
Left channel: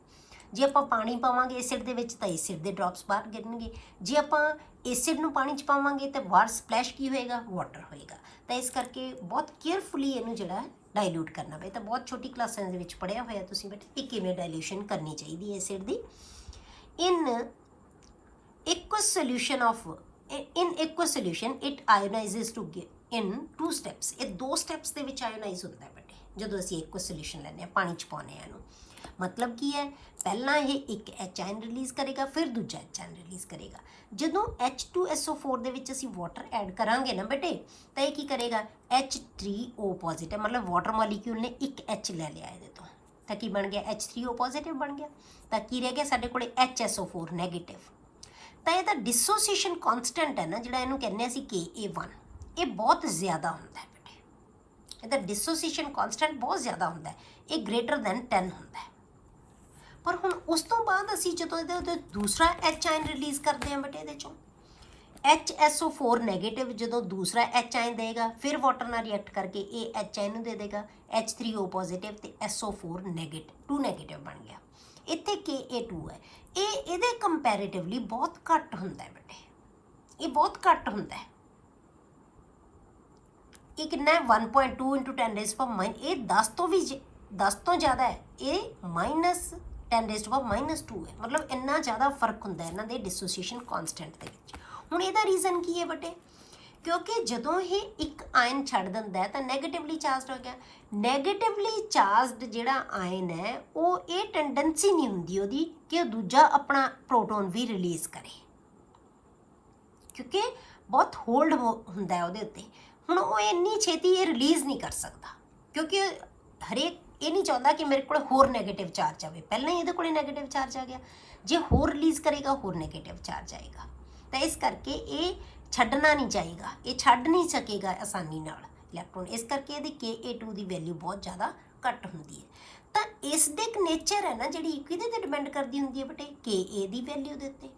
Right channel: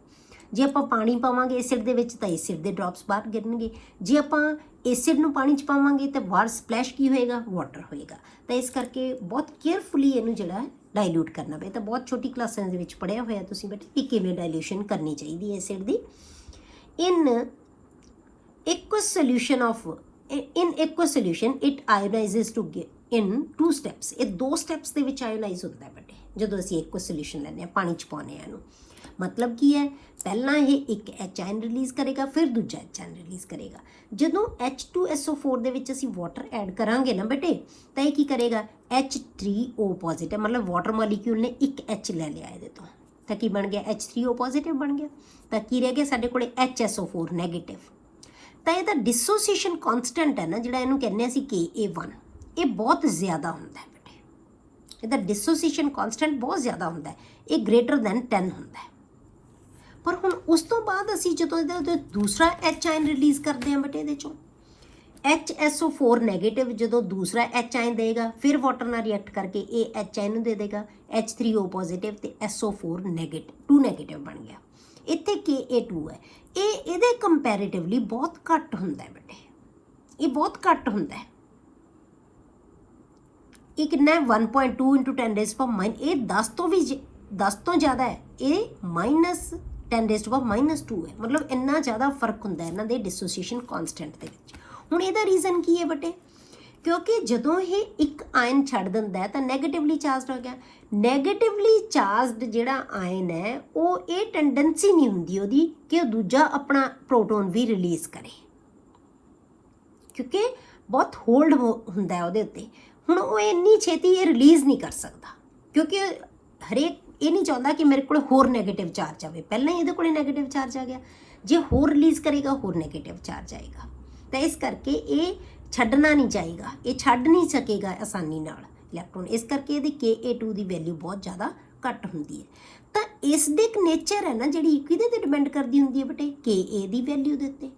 ਜੇ ਆਪਾਂ ਪਾਣੀ ਪਾਵਾਂਗੇ ਐਸਿਡ ਦੇ ਵਿੱਚ ਤਾਂ ਐਸਿਡ ਦੇ ਡ੍ਰੌਪਸ ਬਾਹਰ ਗਿਰਨਗੇ, ਜੇ ਆਪਾਂ ਐਸਿਡ ਨੂੰ ਪਾਣੀ 'ਚ ਪਾਵਾਂਗੇ ਤਾਂ ਬਾਹਰ ਸਪਲੈਸ਼ ਕੀ ਹੋਏਗਾ, ਵਾਟਰ ਹੋਏਗਾ। ਤਾਂ ਇਸ ਕਰਕੇ ਬਹੁਤ ਕੇਅਰਫੁਲੀ ਇਹਨੂੰ ਜਿਹੜਾ ਡਾਇਲੂਟ ਕਰਨਾ ਪਏ। ਤਾਂ ਬਹੁਤ ਛੋਟੀ ਕਲਾਸਾਂ ਦੇ ਵਿੱਚ ਪੜ੍ਹਿਆ ਹੋਇਆ ਤੁਸੀਂ ਬੇਟੇ ਕਿ ਕਿਵੇਂ ਡਾਇਲੂਸ਼ਨ ਕਰਨੀ ਚਾਹੀਦੀ ਹੈ acid the. In aqueous solution it ionizes to in 2 steps। ਇਹ 2 ਸਟੈਪਸ ਦੇ ਵਿੱਚ ਆਇਓਨਾਈਜ਼ ਹੁੰਦਾ ਹੈ ਬੇਟੇ, ਜਦੋਂ ਅਸੀਂ aqueous solution ਲੈਂਦੇ ਹਾਂ, ਪਾਣੀ 'ਚ ਪਾਉਂਦੇ ਹਾਂ ਇਹਨੂੰ। ਮਤਲਬ ਕੀ ਹੈ, ਪਹਿਲਾਂ ਇਹ ਇੱਕ H ਆਇਨ ਰਿਲੀਜ਼ ਕਰੇਗਾ, ਫਿਰ ਦੂਜਾ H ਆਇਨ ਰਿਲੀਜ਼ ਕਰੇਗਾ। ਜਦੋਂ H2SO4 ਦੇ ਵਿੱਚ ਅਸੀਂ ਵਾਟਰ ਐਡ ਕਰਾਂਗੇ ਨਾ ਬੇਟੇ, ਤਾਂ ਇਹ ਕੀ ਕਰੇਗਾ, H3O ਪੋਜ਼ਿਟਿਵ, ਮਤਲਬ ਵਾਟਰ ਮੋਲੀਕਿਊਲ ਨੇ ਇੱਕ H ਲੈ ਲਿਆ ਇਹਦੇ ਤੋਂ, ਤਾਂ ਕੀ ਬਣ ਗਿਆ, H3O ਪੋਜ਼ਿਟਿਵ ਬਣ ਗਿਆ। ਤਾਂ ਕੀ ਰਹਿ ਗਿਆ ਸਾਡੇ ਕੋਲੇ, HSO4 ਨੈਗੇਟਿਵ। ਤਾਂ ਇਹਦਾ ਡਿਸੋਸੀਏਸ਼ਨ ਕਾਂਸਟੈਂਟ ਹੈ ਨਾ, ਜਿਹੜਾ ਇਹਨੂੰ ਕਹਿੰਦੇ ਅਸੀਂ Ka1, ਇਹ ਬਹੁਤ ਜ਼ਿਆਦਾ ਹੁੰਦਾ ਹੈ ਬੇਟੇ। ਇਹਦਾ ਡਿਸੋਸੀਏਸ਼ਨ ਕਾਂਸਟੈਂਟ ਬਹੁਤ ਜ਼ਿਆਦਾ ਹੁੰਦਾ ਹੈ, ਇਹ greater than 10 ਹੁੰਦਾ ਹੈ। ਪਰ ਹੁਣ ਉਸ ਤੋਂ ਬਾਅਦ ਅਸੀਂ ਜਦੋਂ ਇਹਦੇ ਦੂਸਰਾ H ਆਇਨ ਰਿਲੀਜ਼ ਕਰਦੇ ਹਾਂ ਬੇਟੇ, ਇਹਦੇ ਚੋਂ HSO4 ਨੈਗੇਟਿਵ ਜਦੋਂ ਦੂਸਰਾ H ਆਇਨ ਦੇਗਾ, ਫਿਰ ਵਾਟਰ ਨਾਲ ਰਿਐਕਟ ਕਰਕੇ ਇਹ H ਆਇਨ ਨੂੰ ਦੇ ਦੇਗਾ H3O ਪੋਜ਼ਿਟਿਵ ਤੇ SO4 ਨੈਗੇਟਿਵ, 2 ਨੈਗੇਟਿਵ ਬਣ ਗਿਆ। ਇੱਥੇ Ka2 ਹੈ, ਇਹ ਇਹਦੇ ਕੰਪੈਰੀਟਿਵਲੀ ਬਹੁਤ ਘੱਟ ਹੁੰਦਾ ਹੈ ਬੇਟੇ, ਇਹ ਬਹੁਤ ਘੱਟ ਹੁੰਦਾ ਹੈ। ਇਹ ਕਿੰਨਾ ਹੈ, 1.2 × 10⁻⁻, ਇਹ 10 ਤੋਂ ਜ਼ਿਆਦਾ ਹੈ, ਇਹ -10⁻²- ਹੈ। ਮਤਲਬ ਇੰਨਾ ਜ਼ਿਆਦਾ ਫਰਕ ਹੁੰਦਾ ਇਹਨਾਂ ਦੇ ਡਿਸੋਸੀਏਸ਼ਨ ਕਾਂਸਟੈਂਟ ਦੇ ਵਿੱਚ। ਹੁਣ ਇਹਦਾ ਰੀਜ਼ਨ ਕੀ ਹੈ ਬੇਟੇ, ਕਿਉਂਕਿ ਜਦੋਂ ਇਹ ਇੱਕ ਆਇਨ ਛੱਡ ਦਿੰਦਾ ਹੈ ਤਾਂ ਨੈਗੇਟਿਵਲੀ ਚਾਰਜਡ ਹੋ ਗਿਆ। ਨੈਗੇਟਿਵਲੀ ਚਾਰਜਡ ਜਿਹੜਾ ਆਇਨ ਹੈ, ਉਹ ਇਹ ਟੈਂਡੈਂਸੀ ਨਹੀਂ ਹੁੰਦੀ ਉਹਦੀ ਕਿ ਉਹ ਦੂਜਾ ਆਪਣਾ ਪ੍ਰੋਟੋਨ ਵੀ ਰਿਲੀਜ਼ ਕਰੇ, ਕਿਉਂਕਿ ਬਹੁਤ ਹੋਲਡ ਹੁੰਦਾ ਉਹਦੇ ਉੱਤੇ। ਹੁਣ ਉਹ ਇੰਨੀ ਛੇਤੀ ਇਹ ਰਿਲੀਜ਼ ਨਹੀਂ ਕਰ ਸਕਦਾ, ਕਿਉਂਕਿ ਹਰੇਕ ਇਹ ਨਹੀਂ ਚਾਹੁੰਦਾ ਕਿ ਮੇਰੇ ਕੋਲ ਹੋਰ ਨੈਗੇਟਿਵ ਚਾਰਜ ਆਵੇ। ਪਹਿਲਾਂ ਹੀ ਇਹਦੇ ਕੋਲ ਨੈਗੇਟਿਵ ਚਾਰਜ ਆ ਗਿਆ, ਜੇ ਹੋਰ ਰਿਲੀਜ਼ ਕਰੇਗਾ ਹੋਰ ਨੈਗੇਟਿਵ ਚਾਰਜ ਆਏਗਾ। ਤਾਂ ਇਸ ਕਰਕੇ ਇਹ ਛੱਡਣਾ ਨਹੀਂ ਚਾਹੀਦਾ, ਇਹ ਛੱਡ ਨਹੀਂ ਸਕੇਗਾ ਆਸਾਨੀ ਨਾਲ ਇਲੈਕਟ੍ਰੋਨ। ਇਸ ਕਰਕੇ ਇਹਦੀ Ka2 ਦੀ ਵੈਲਿਊ ਬਹੁਤ ਜ਼ਿਆਦਾ ਘੱਟ ਹੁੰਦੀ ਹੈ। ਤਾਂ ਇਸ ਦੇ ਇੱਕ ਨੇਚਰ ਹੈ ਨਾ ਜਿਹੜੀ, ਕਿਹਦੇ ਤੇ ਡਿਪੈਂਡ ਕਰਦੀ ਹੁੰਦੀ ਹੈ ਬੇਟੇ, Ka ਦੀ ਵੈਲਿਊ ਦੇ ਉੱਤੇ।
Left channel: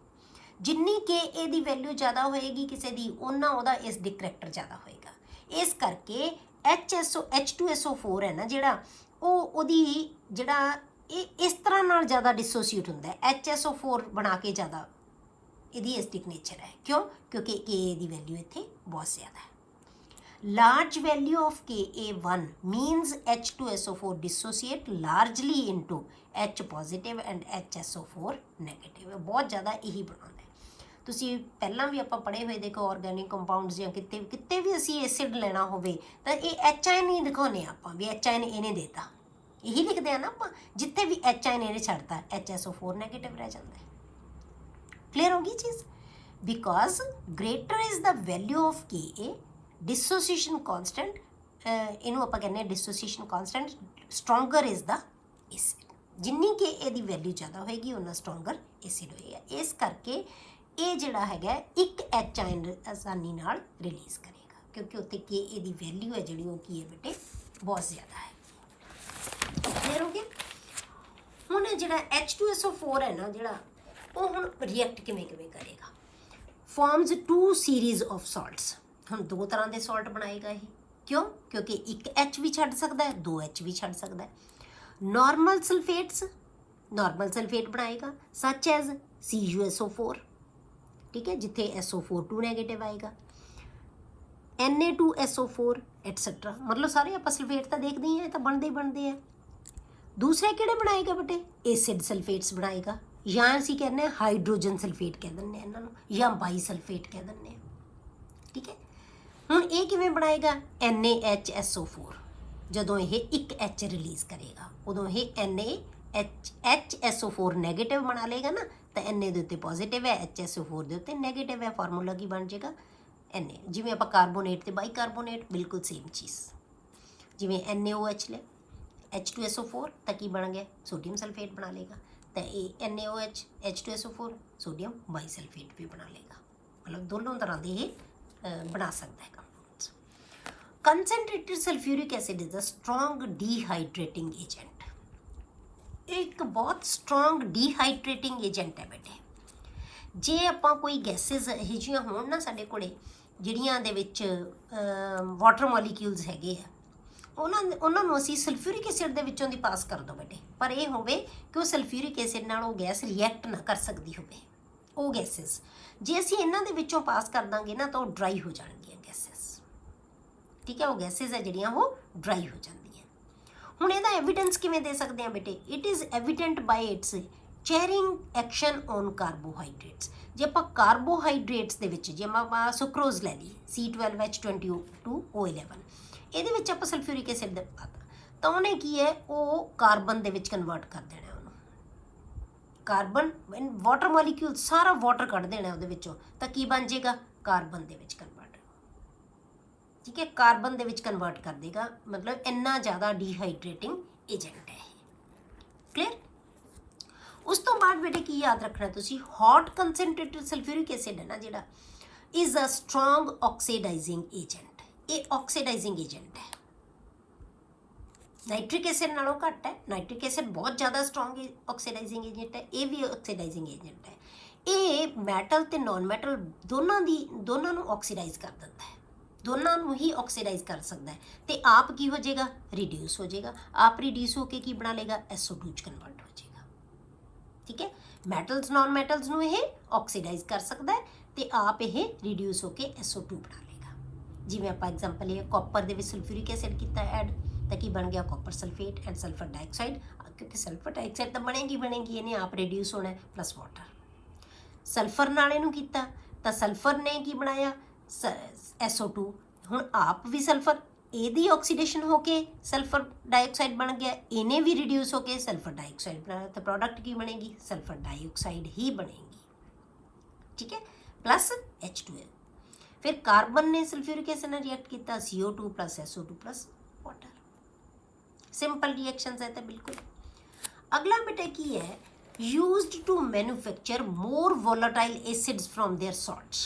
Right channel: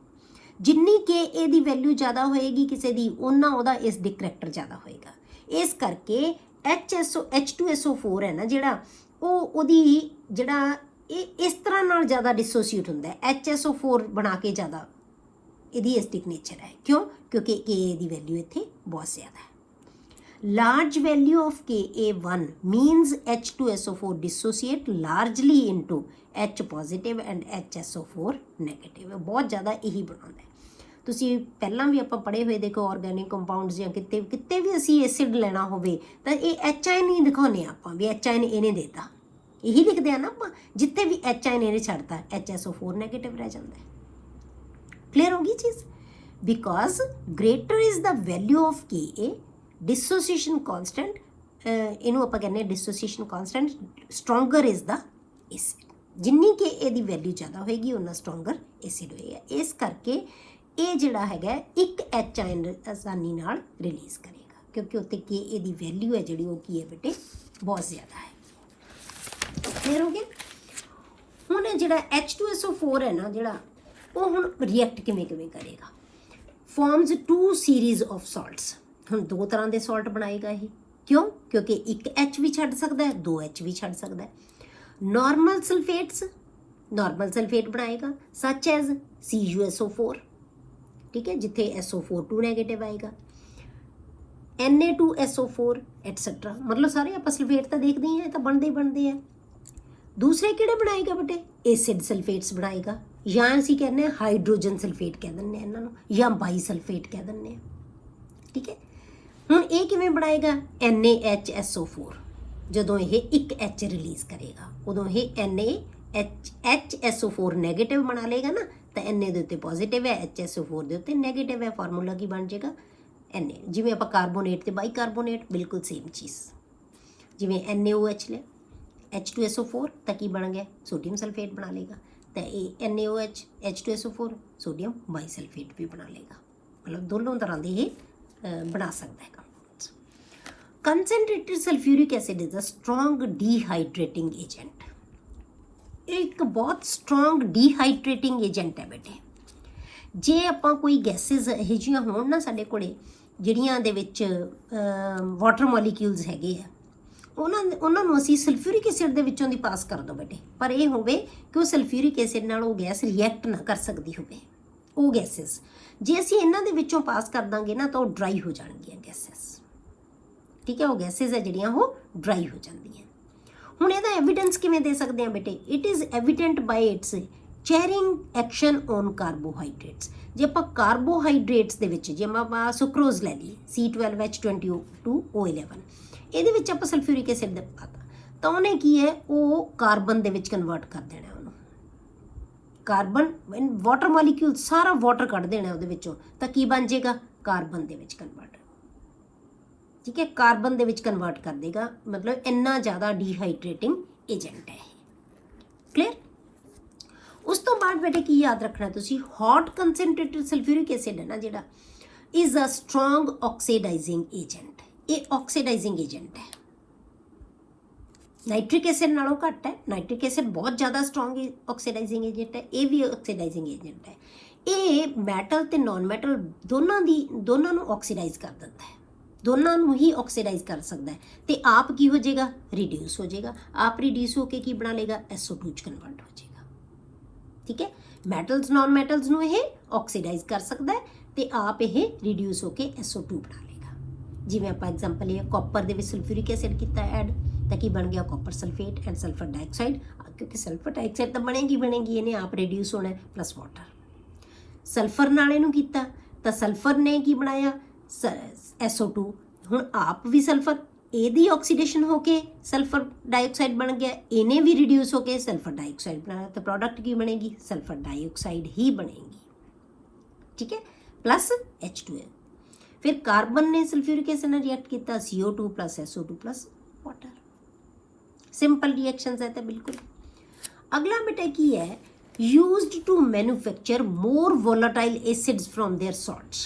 ਜਿੰਨੀ Ka ਦੀ ਵੈਲਿਊ ਜ਼ਿਆਦਾ ਹੋਏਗੀ ਕਿਸੇ ਦੀ, ਉਹਨਾਂ ਉਹਦਾ ਇਸ ਦੀ ਕਰੈਕਟਰ ਜ਼ਿਆਦਾ ਹੋਏਗਾ। ਇਸ ਕਰਕੇ H2SO4 ਹੈ ਨਾ ਜਿਹੜਾ, ਉਹਦੀ ਜਿਹੜਾ ਇਹ ਇਸ ਤਰ੍ਹਾਂ ਨਾਲ ਜ਼ਿਆਦਾ ਡਿਸੋਸੀਏਟ ਹੁੰਦਾ ਹੈ, HSO4 ਬਣਾ ਕੇ ਜ਼ਿਆਦਾ ਇਹਦੀ ਐਸਿਡਿਕ ਨੇਚਰ ਹੈ। ਕਿਉਂ, ਕਿਉਂਕਿ Ka ਦੀ ਵੈਲਿਊ ਇੱਥੇ ਬਹੁਤ ਜ਼ਿਆਦਾ ਹੈ। Large value of Ka1 means H2SO4 dissociate largely into H positive and HSO4 negative। ਬਹੁਤ ਜ਼ਿਆਦਾ ਇਹੀ ਬਣਾਉਂਦਾ ਹੈ। ਤੁਸੀਂ ਪਹਿਲਾਂ ਵੀ ਆਪਾਂ ਪੜ੍ਹੇ ਹੋਏ ਦੇਖੋ, ਆਰਗੈਨਿਕ ਕੰਪਾਊਂਡਸ ਜਾਂ ਕਿਤੇ ਵੀ ਅਸੀਂ ਐਸਿਡ ਲੈਣਾ ਹੋਵੇ ਤਾਂ ਇਹ H ਆਇਨ ਹੀ ਦਿਖਾਉਂਦੇ ਹਾਂ ਆਪਾਂ ਵੀ H ਆਇਨ ਇਹਨੇ ਦੇਤਾ, ਇਹੀ ਲਿਖਦੇ ਆ ਨਾ ਆਪਾਂ। ਜਿੱਥੇ ਵੀ H ਆਇਨ ਇਹਨੇ ਛੱਡਤਾ HSO4 ਨੈਗੇਟਿਵ ਰਹਿ ਜਾਂਦਾ ਹੈ। ਕਲੀਅਰ ਹੋ ਗਈ ਚੀਜ਼। Because greater is the value of Ka, dissociation constant, ਇਹਨੂੰ ਆਪਾਂ ਕਹਿੰਦੇ ਹਾਂ dissociation constant, stronger is the acid. ਜਿੰਨੀ ਕਿ ਇਹਦੀ ਵੈਲਿਊ ਜ਼ਿਆਦਾ ਹੋਏਗੀ ਉਨਾ ਸਟਰੋਂਗਰ ਐਸਿਡ ਹੋਏਗਾ। ਇਸ ਕਰਕੇ ਇਹ ਜਿਹੜਾ ਹੈਗਾ ਇੱਕ H ਆਇਨ ਆਸਾਨੀ ਨਾਲ ਰਿਲੀਜ਼ ਕਰੇਗਾ, ਕਿਉਂਕਿ ਉੱਤੇ ਕਿ ਇਹਦੀ ਵੈਲਿਊ ਹੈ ਜਿਹੜੀ ਉਹ ਕੀ ਹੈ ਬੇਟੇ ਬਹੁਤ ਜ਼ਿਆਦਾ ਹੈ। ਕਲੀਅਰ ਹੋ ਗਿਆ। ਹੁਣ ਇਹ ਜਿਹੜਾ H2SO4 ਹੈ ਨਾ ਜਿਹੜਾ, ਉਹ ਹੁਣ ਰਿਐਕਟ ਕਿਵੇਂ ਕਰੇਗਾ, ਫਾਰਮਸ 2 ਸੀਰੀਜ਼ ਆਫ ਸਾਲਟਸ। ਹੁਣ 2 ਤਰ੍ਹਾਂ ਦੇ ਸਾਲਟ ਬਣਾਏਗਾ ਇਹ, ਕਿਉਂ? ਕਿਉਂਕਿ ਇੱਕ H ਵੀ ਛੱਡ ਸਕਦਾ ਹੈ, 2 H ਵੀ ਛੱਡ ਸਕਦਾ ਹੈ। ਨॉर्मल सल्फेट्स, नॉर्मल सल्फेट बनाएगा सच एज CuSO4, ठीक है, जिथे SO4 नैगेटिव आएगा, Na2SO4 एटसेट्रा। मतलब सारे आप सल्फेट तो देखते हैं तो बनते हैं। दूसरे किहड़े बनाएगा बेटे? एसिड सल्फेट्स बनाएगा, या असीं कहने हाइड्रोजन सल्फेट कह दिंदे इन्हां नूं, या बाई सल्फेट कह दिंदे, ठीक है। हुण ये किवें बनाएगा? NaHSO4। ਜਦੋਂ ਇਹ ਇੱਕ H ਰਿਲੀਜ਼ ਕਰੇਗਾ ਉਦੋਂ ਇਹ NaHSO4 ਨੈਗੇਟਿਵ ਬਣਾ ਲੇਗਾ ਨਾ, ਤਾਂ Na ਦੇ ਉੱਤੇ ਪੋਜ਼ਿਟਿਵ ਹੈ, HSO4 ਦੇ ਉੱਤੇ ਨੈਗੇਟਿਵ ਹੈ। ਫਾਰਮੂਲਾ ਕੀ ਬਣ ਜਾਏਗਾ? Na। ਜਿਵੇਂ ਆਪਾਂ ਕਾਰਬੋਨੇਟ ਤੇ ਬਾਈਕਾਰਬੋਨੇਟ, ਬਿਲਕੁਲ ਸੇਮ ਚੀਜ਼। ਜਿਵੇਂ NaOH ਲੈ H2SO4 ਤਾਂ ਕੀ ਬਣ ਗਿਆ? ਸੋਡੀਅਮ ਸਲਫੇਟ ਬਣਾ ਲੇਗਾ। ਤਾਂ ਇਹ NaOH H2SO4 ਸੋਡੀਅਮ ਬਾਈਸਲਫੇਟ ਵੀ ਬਣਾ ਲੇਗਾ। ਮਤਲਬ ਦੋਨੋਂ ਤਰ੍ਹਾਂ ਦੇ ਇਹ ਬਣਾ ਸਕਦਾ ਹੈ। Concentrated sulphuric acid is a strong dehydrating agent. एक बहुत स्ट्रॉन्ग डिहाइड्रेटिंग एजेंट है बेटे। जे ਆਪਾਂ ਕੋਈ ਗੈਸਿਸ ਇਹੋ ਜਿਹੀਆਂ ਹੋਣ ਨਾ ਸਾਡੇ ਕੋਲੇ ਜਿਹੜੀਆਂ ਦੇ ਵਿੱਚ ਵਾਟਰ ਮੋਲੀਕਿਊਲਸ ਹੈਗੇ ਆ, ਉਹਨਾਂ ਨੂੰ ਅਸੀਂ ਸਲਫਿਊਰਿਕ ਐਸਿਡ ਦੇ ਵਿੱਚੋਂ ਦੀ ਪਾਸ ਕਰ ਦੋ ਬੇਟੇ, ਪਰ ਇਹ ਹੋਵੇ ਕਿ ਉਹ ਸਲਫਿਊਰਿਕ ਐਸਿਡ ਨਾਲ ਉਹ ਗੈਸ ਰਿਐਕਟ ਨਾ ਕਰ ਸਕਦੀ ਹੋਵੇ। ਉਹ ਗੈਸਿਸ ਜੇ ਅਸੀਂ ਇਹਨਾਂ ਦੇ ਵਿੱਚੋਂ ਪਾਸ ਕਰ ਦਾਂਗੇ ਨਾ ਤਾਂ ਉਹ ਡਰਾਈ ਹੋ ਜਾਣਗੀਆਂ ਗੈਸਿਸ, ठीक है। वो गैसेज है ਜਿਹੜੀਆਂ ਉਹ ਡਰਾਈ ਹੋ ਜਾਂਦੀਆਂ। ਹੁਣ ਇਹਦਾ ਐਵੀਡੈਂਸ ਕਿਵੇਂ ਦੇ ਸਕਦੇ ਹਾਂ ਬੇਟੇ? It is evident by its charring action on carbohydrates. ਜੇ ਆਪਾਂ ਕਾਰਬੋਹਾਈਡਰੇਟਸ ਦੇ ਵਿੱਚ ਜੇ ਆਪਾਂ ਸੁਕਰੋਜ਼ ਲੈ ਲਈ C12H22O11, ਇਹਦੇ ਵਿੱਚ ਆਪਾਂ ਸਲਫਿਊਰਿਕ ਐਸਿਡ ਦਾ ਪਾਤਾ ਤਾਂ ਉਹਨੇ ਕੀ ਹੈ, ਉਹ ਕਾਰਬਨ ਦੇ ਵਿੱਚ ਕਨਵਰਟ ਕਰ ਦੇਣਾ ਉਹਨੂੰ। ਕਾਰਬਨ ਵਾਟਰ ਮੋਲੀਕਿਊਲ ਸਾਰਾ ਵਾਟਰ ਕੱਢ ਦੇਣਾ ਉਹਦੇ ਵਿੱਚੋਂ, ਤਾਂ ਕੀ ਬਣ ਜਾਏਗਾ? ਕਾਰਬਨ ਦੇ ਵਿੱਚ ਕਨਵਰਟ, ठीक है, कार्बन ਦੇ ਵਿੱਚ ਕਨਵਰਟ ਕਰ ਦੇਗਾ। मतलब ਇੰਨਾ ਜ਼ਿਆਦਾ ਡੀਹਾਈਡਰੇਟਿੰਗ ਏਜੰਟ ਹੈ ਇਹ। ਕਲੀਅਰ। ਉਸ ਤੋਂ ਬਾਅਦ ਬੇਟੇ ਕੀ ਯਾਦ ਰੱਖਣਾ ਤੁਸੀਂ? ਹੌਟ ਕੰਸਨਟ੍ਰੇਟਡ ਸਲਫਿਊਰਿਕ ਐਸਿਡ ਹੈ ਨਾ ਜਿਹੜਾ, ਇਜ਼ ਅ ਸਟਰੋਂਗ ਆਕਸੀਡਾਈਜ਼ਿੰਗ ਏਜੰਟ। ਇਹ ਆਕਸੀਡਾਈਜ਼ਿੰਗ ਏਜੰਟ ਹੈ, ਨਾਈਟ੍ਰਿਕ ਐਸਿਡ ਨਾਲੋਂ ਘੱਟ ਹੈ। ਨਾਈਟ੍ਰਿਕ ਐਸਿਡ ਬਹੁਤ ਜ਼ਿਆਦਾ ਸਟਰੋਂਗ ਆਕਸੀਡਾਈਜ਼ਿੰਗ ਏਜੰਟ ਹੈ, ਇਹ ਵੀ ਆਕਸੀਡਾਈਜ਼ਿੰਗ ਏਜੰਟ ਹੈ। ਇਹ ਮੈਟਲ ਤੇ ਨਾਨ ਮੈਟਲ ਦੋਨਾਂ ਨੂੰ ਆਕਸੀਡਾਈਜ਼ ਕਰ ਦਿੰਦਾ ਹੈ, ਦੋਨਾਂ ਨੂੰ ਹੀ ਆਕਸੀਡਾਈਜ਼ ਕਰ ਸਕਦਾ ਹੈ। ਤੇ ਆਪ ਕੀ ਹੋ ਜਾਏਗਾ? ਰਿਡਿਊਸ ਹੋ ਜਾਏਗਾ। ਆਪ ਰਿਡਿਊਸ ਹੋ ਕੇ ਕੀ ਬਣਾ ਲੇਗਾ? SO2 ਚ ਕਨਵਰਟ ਹੋ ਜਾਏਗਾ, ਠੀਕ ਹੈ। ਮੈਟਲਸ ਨਾਨ ਮੈਟਲਸ ਨੂੰ ਇਹ ਆਕਸੀਡਾਈਜ਼ ਕਰ ਸਕਦਾ ਹੈ ਤੇ ਆਪ ਇਹ ਰਿਡਿਊਸ ਹੋ ਕੇ SO2 ਬਣਾ ਲੇਗਾ। ਜਿਵੇਂ ਆਪਾਂ ਐਗਜ਼ਾਮਪਲ ਇਹ ਕਾਪਰ ਦੇ ਵਿੱਚ ਸਲਫਿਊਰਿਕ ਐਸਿਡ ਕੀਤਾ ਐਡ, ਤਾਂ ਕੀ ਬਣ ਗਿਆ? Copper sulphate and sulphur dioxide. ਕਿਉਂਕਿ ਸਲਫਰ ਡਾਈਆਕਸਾਈਡ ਤਾਂ ਬਣੇਗੀ ਇਹਨੇ ਆਪ ਰਿਡਿਊਸ ਹੋਣਾ ਪਲੱਸ ਵਾਟਰ। ਸਲਫਰ ਨਾਲ ਇਹਨੂੰ ਕੀਤਾ ਤਾਂ ਸਲਫਰ ਨੇ ਕੀ ਬਣਾਇਆ? SO2। ਹੁਣ ਆਪ ਵੀ ਸਲਫਰ, ਇਹਦੀ ਆਕਸੀਡੇਸ਼ਨ ਹੋ ਕੇ ਸਲਫਰ ਡਾਈਆਕਸਾਈਡ ਬਣ ਗਿਆ, ਇਹਨੇ ਵੀ ਰਿਡਿਊਸ ਹੋ ਕੇ ਸਲਫਰ ਡਾਈਆਕਸਾਈਡ ਬਣਾਇਆ, ਤਾਂ ਪ੍ਰੋਡਕਟ ਕੀ ਬਣੇਗੀ? ਸਲਫਰ ਡਾਈਆਕਸਾਈਡ ਹੀ ਬਣੇਗੀ, ਠੀਕ ਹੈ, ਪਲੱਸ H2L। ਫਿਰ ਕਾਰਬਨ ਨੇ ਸਲਫਿਊਰਿਕ ਐਸਿਡ ਨਾਲ ਰਿਐਕਟ ਕੀਤਾ, CO2 plus SO2 plus water. Simple reactions ਹੈ ਤਾਂ ਬਿਲਕੁਲ। ਅਗਲਾ ਬੇਟਾ ਕੀ ਹੈ? used to manufacture more volatile acids from their salts।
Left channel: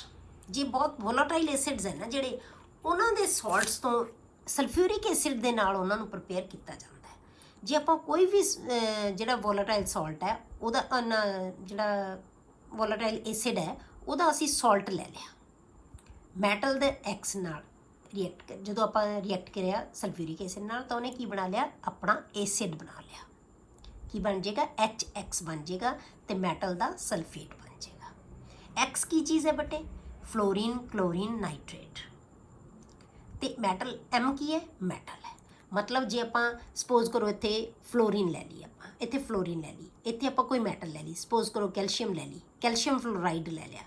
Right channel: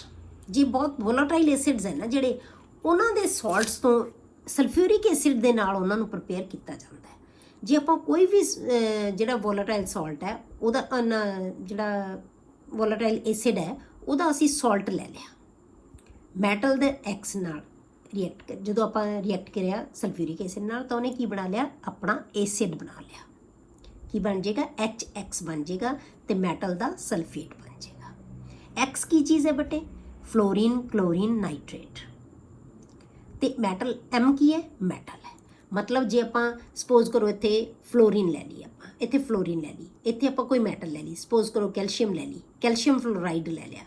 ਜੀ ਬਹੁਤ ਵੋਲਾਟਾਈਲ ਐਸਿਡਸ ਹੈ ਨਾ ਜਿਹੜੇ, ਉਹਨਾਂ ਦੇ ਸਾਲਟਸ ਤੋਂ ਸਲਫਿਊਰਿਕ ਐਸਿਡ ਦੇ ਨਾਲ ਉਹਨਾਂ ਨੂੰ ਪ੍ਰਪੇਅਰ ਕੀਤਾ ਜਾਂਦਾ ਹੈ। ਜੇ ਆਪਾਂ ਕੋਈ ਵੀ ਜਿਹੜਾ ਵੋਲਾਟਾਈਲ ਸਾਲਟ ਹੈ ਉਹਦਾ ਜਿਹੜਾ ਵੋਲਾਟਾਈਲ ਐਸਿਡ ਹੈ ਉਹਦਾ ਅਸੀਂ ਸਾਲਟ ਲੈ ਲਿਆ, ਮੈਟਲ ਦੇ X ਨਾਲ ਰਿਐਕਟ ਜਦੋਂ ਆਪਾਂ ਰਿਐਕਟ ਕਰਿਆ ਸਲਫਿਊਰਿਕ ਐਸਿਡ ਨਾਲ, ਤਾਂ ਉਹਨੇ ਕੀ ਬਣਾ ਲਿਆ? ਆਪਣਾ ਐਸਿਡ ਬਣਾ ਲਿਆ। ਕੀ ਬਣ ਜਾਏਗਾ? HX ਬਣ ਜਾਏਗਾ ਤੇ ਮੈਟਲ ਦਾ ਸਲਫੇਟ ਬਣ ਜਾਏਗਾ। X ਕੀ ਚੀਜ਼ ਹੈ ਬੇਟੇ? Fluorine chlorine nitrate. ਤੇ ਮੈਟਲ M ਕੀ ਹੈ? ਮੈਟਲ ਹੈ। ਮਤਲਬ ਜੇ ਆਪਾਂ ਸਪੋਜ਼ ਕਰੋ ਇੱਥੇ ਫਲੋਰੀਨ ਲੈ ਲਈ, ਆਪਾਂ ਇੱਥੇ ਫਲੋਰੀਨ ਲੈ ਲਈ, ਇੱਥੇ ਆਪਾਂ ਕੋਈ ਮੈਟਲ ਲੈ ਲਈ, ਸਪੋਜ਼ ਕਰੋ ਕੈਲਸ਼ੀਅਮ ਲੈ ਲਈ, ਕੈਲਸ਼ੀਅਮ ਫਲੋਰਾਈਡ ਲੈ ਲਿਆ,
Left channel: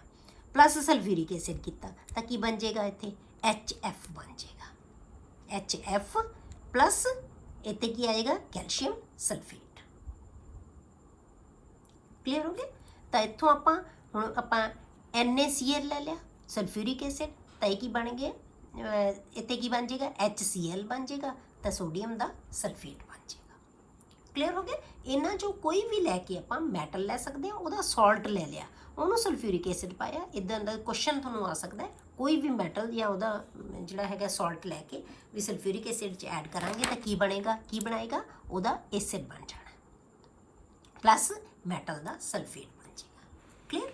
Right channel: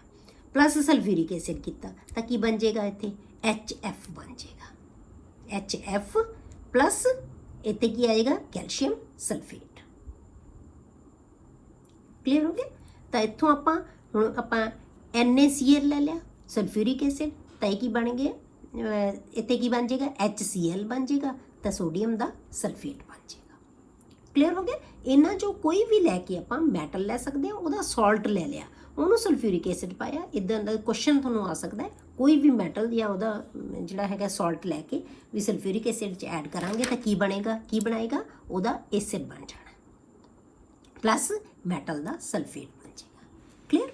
ਪਲੱਸ ਸਲਫਿਊਰਿਕ ਐਸਿਡ ਕੀਤਾ, ਤਾਂ ਕੀ ਬਣ ਜਾਏਗਾ? ਇੱਥੇ HF ਬਣ ਜਾਏਗਾ। HF ਪਲੱਸ ਇੱਥੇ ਕੀ ਆਏਗਾ? Calcium sulphate. ਕਲੀਅਰ ਹੋ ਗਿਆ? ਤਾਂ ਇੱਥੋਂ ਆਪਾਂ ਹੁਣ ਆਪਾਂ NaCl ਲੈ ਲਿਆ, ਸਲਫਿਊਰਿਕ ਐਸਿਡ, ਤਾਂ ਇਹ ਕੀ ਬਣ ਗਿਆ? ਇੱਥੇ ਕੀ ਬਣ ਜਾਏਗਾ? HCl ਬਣ ਜਾਏਗਾ, ਤਾਂ ਸੋਡੀਅਮ ਦਾ ਸਲਫੇਟ ਬਣ ਜਾਏਗਾ। ਕਲੀਅਰ ਹੋ ਗਿਆ। ਇਹਨਾਂ ਚੋਂ ਕੋਈ ਵੀ ਲੈ ਕੇ ਆਪਾਂ ਮੈਟਲ ਲੈ ਸਕਦੇ ਹਾਂ, ਉਹਦਾ ਸਾਲਟ ਲੈ ਲਿਆ, ਉਹਨੂੰ ਸਲਫਿਊਰਿਕ ਐਸਿਡ ਪਾਇਆ, ਇਦਾਂ ਦਾ ਕੁਐਸਚਨ ਤੁਹਾਨੂੰ ਆ ਸਕਦਾ ਹੈ। ਕੋਈ ਵੀ ਮੈਟਲ ਜਾਂ ਉਹਦਾ ਜਿਹੜਾ ਹੈਗਾ ਸਾਲਟ ਲੈ ਕੇ ਵੀ ਸਲਫਿਊਰਿਕ ਐਸਿਡ 'ਚ ਐਡ ਕਰਾਂਗੇ ਤਾਂ ਕੀ ਬਣੇਗਾ, ਕੀ ਬਣਾਏਗਾ, ਉਹਦਾ ਐਸਿਡ ਬਣ ਜਾਣਾ ਪਲੱਸ ਮੈਟਲ ਦਾ ਸਲਫੇਟ ਬਣ ਜਾਏਗਾ। ਕਲੀਅਰ।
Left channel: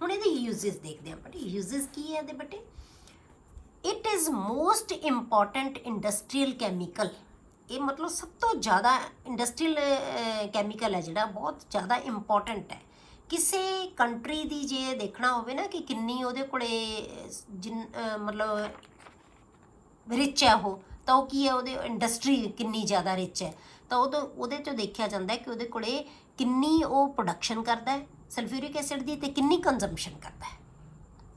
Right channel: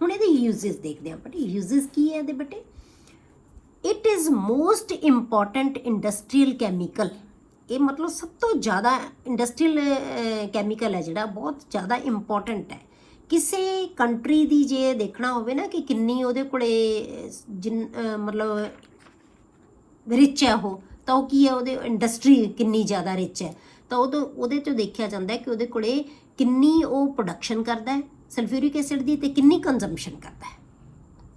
ਹੁਣ ਇਹਦੇ ਯੂਜ਼ਸ ਦੇਖਦੇ ਹਾਂ ਬੇਟੇ। ਯੂਜ਼ਸ ਕੀ ਹੈ ਇਹਦੇ ਬੇਟੇ? It is most important industrial chemical. ਇਹ ਮਤਲਬ ਸਭ ਤੋਂ ਜ਼ਿਆਦਾ ਇੰਡਸਟਰੀਅਲ ਕੈਮੀਕਲ ਹੈ ਜਿਹੜਾ, ਬਹੁਤ ਜ਼ਿਆਦਾ ਇੰਪੋਰਟੈਂਟ ਹੈ। ਕਿਸੇ ਕੰਟਰੀ ਦੀ ਜੇ ਦੇਖਣਾ ਹੋਵੇ ਨਾ ਕਿ ਕਿੰਨੀ ਉਹਦੇ ਕੋਲੇ ਮਤਲਬ ਰਿਚ ਹੈ ਉਹ, ਤਾਂ ਉਹ ਕੀ ਹੈ, ਉਹਦੇ ਇੰਡਸਟਰੀ ਕਿੰਨੀ ਜ਼ਿਆਦਾ ਰਿਚ ਹੈ, ਤਾਂ ਉਹਦੇ ਤੋਂ ਦੇਖਿਆ ਜਾਂਦਾ ਹੈ ਕਿ ਉਹਦੇ ਕੋਲੇ ਕਿੰਨੀ ਉਹ ਪ੍ਰੋਡਕਸ਼ਨ ਕਰਦਾ ਹੈ ਸਲਫਿਊਰਿਕ ਐਸਿਡ ਦੀ, ਤੇ ਕਿੰਨੀ ਕੰਜ਼ੰਪਸ਼ਨ ਕਰਦਾ ਹੈ,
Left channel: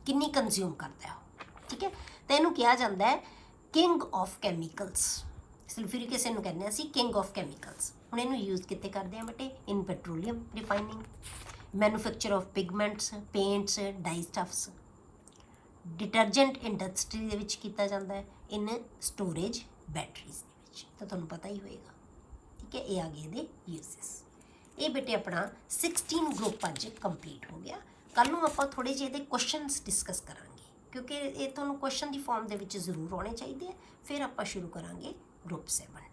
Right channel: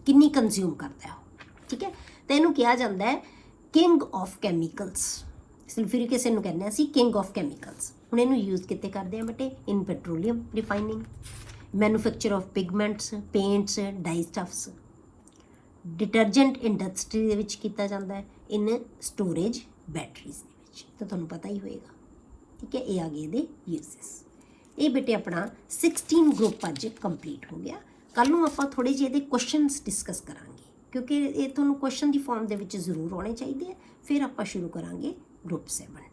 ਕਿੰਨੀ ਕੰਜ਼ਿਊਮ ਕਰਦਾ ਹੈ ਉਹ। ਠੀਕ ਹੈ, ਤੇ ਇਹਨੂੰ ਕਿਹਾ ਜਾਂਦਾ ਹੈ king of chemicals. Sulphuric acid ਨੂੰ ਕਹਿੰਦੇ ਅਸੀਂ ਕਿੰਗ ਆਫ ਕੈਮੀਕਲਸ। ਹੁਣ ਇਹਨੂੰ ਯੂਜ਼ ਕਿੱਥੇ ਕਰਦੇ ਆ ਬੇਟੇ? In petroleum refining, manufacture of pigments, paints, dye stuffs, detergent industry ਦੇ ਵਿੱਚ ਕੀਤਾ ਜਾਂਦਾ ਹੈ, ਇਨ ਸਟੋਰੇਜ ਬੈਟਰੀਜ਼ ਦੇ ਵਿੱਚ, ਤਾਂ ਤੁਹਾਨੂੰ ਪਤਾ ਹੀ ਹੋਏਗਾ। ਠੀਕ ਹੈ, ਇਹ ਆ ਗਏ ਇਹਦੇ ਯੂਜ਼ਸ। ਇਹ ਬੇਟੇ ਆਪਣਾ 16 ਗਰੁੱਪ ਅੱਜ ਕੰਪਲੀਟ ਹੋ ਗਿਆ। ਕੱਲ ਨੂੰ ਆਪਾਂ ਥੋੜੇ ਜਿਹੇ ਇਹਦੇ ਕੁਐਸਚਨਸ ਡਿਸਕਸ ਕਰਾਂਗੇ, ਕਿਉਂਕਿ ਇਹ ਤੁਹਾਨੂੰ ਕੁਐਸਚਨ ਦੀ ਫਾਰਮ ਦੇ ਵਿੱਚ ਜ਼ਰੂਰ ਆਉਣੇ ਚਾਹੀਦੇ ਆ। ਫਿਰ ਆਪਾਂ ਸ਼ੁਰੂ ਕਰਾਂਗੇ ਗਰੁੱਪ 7।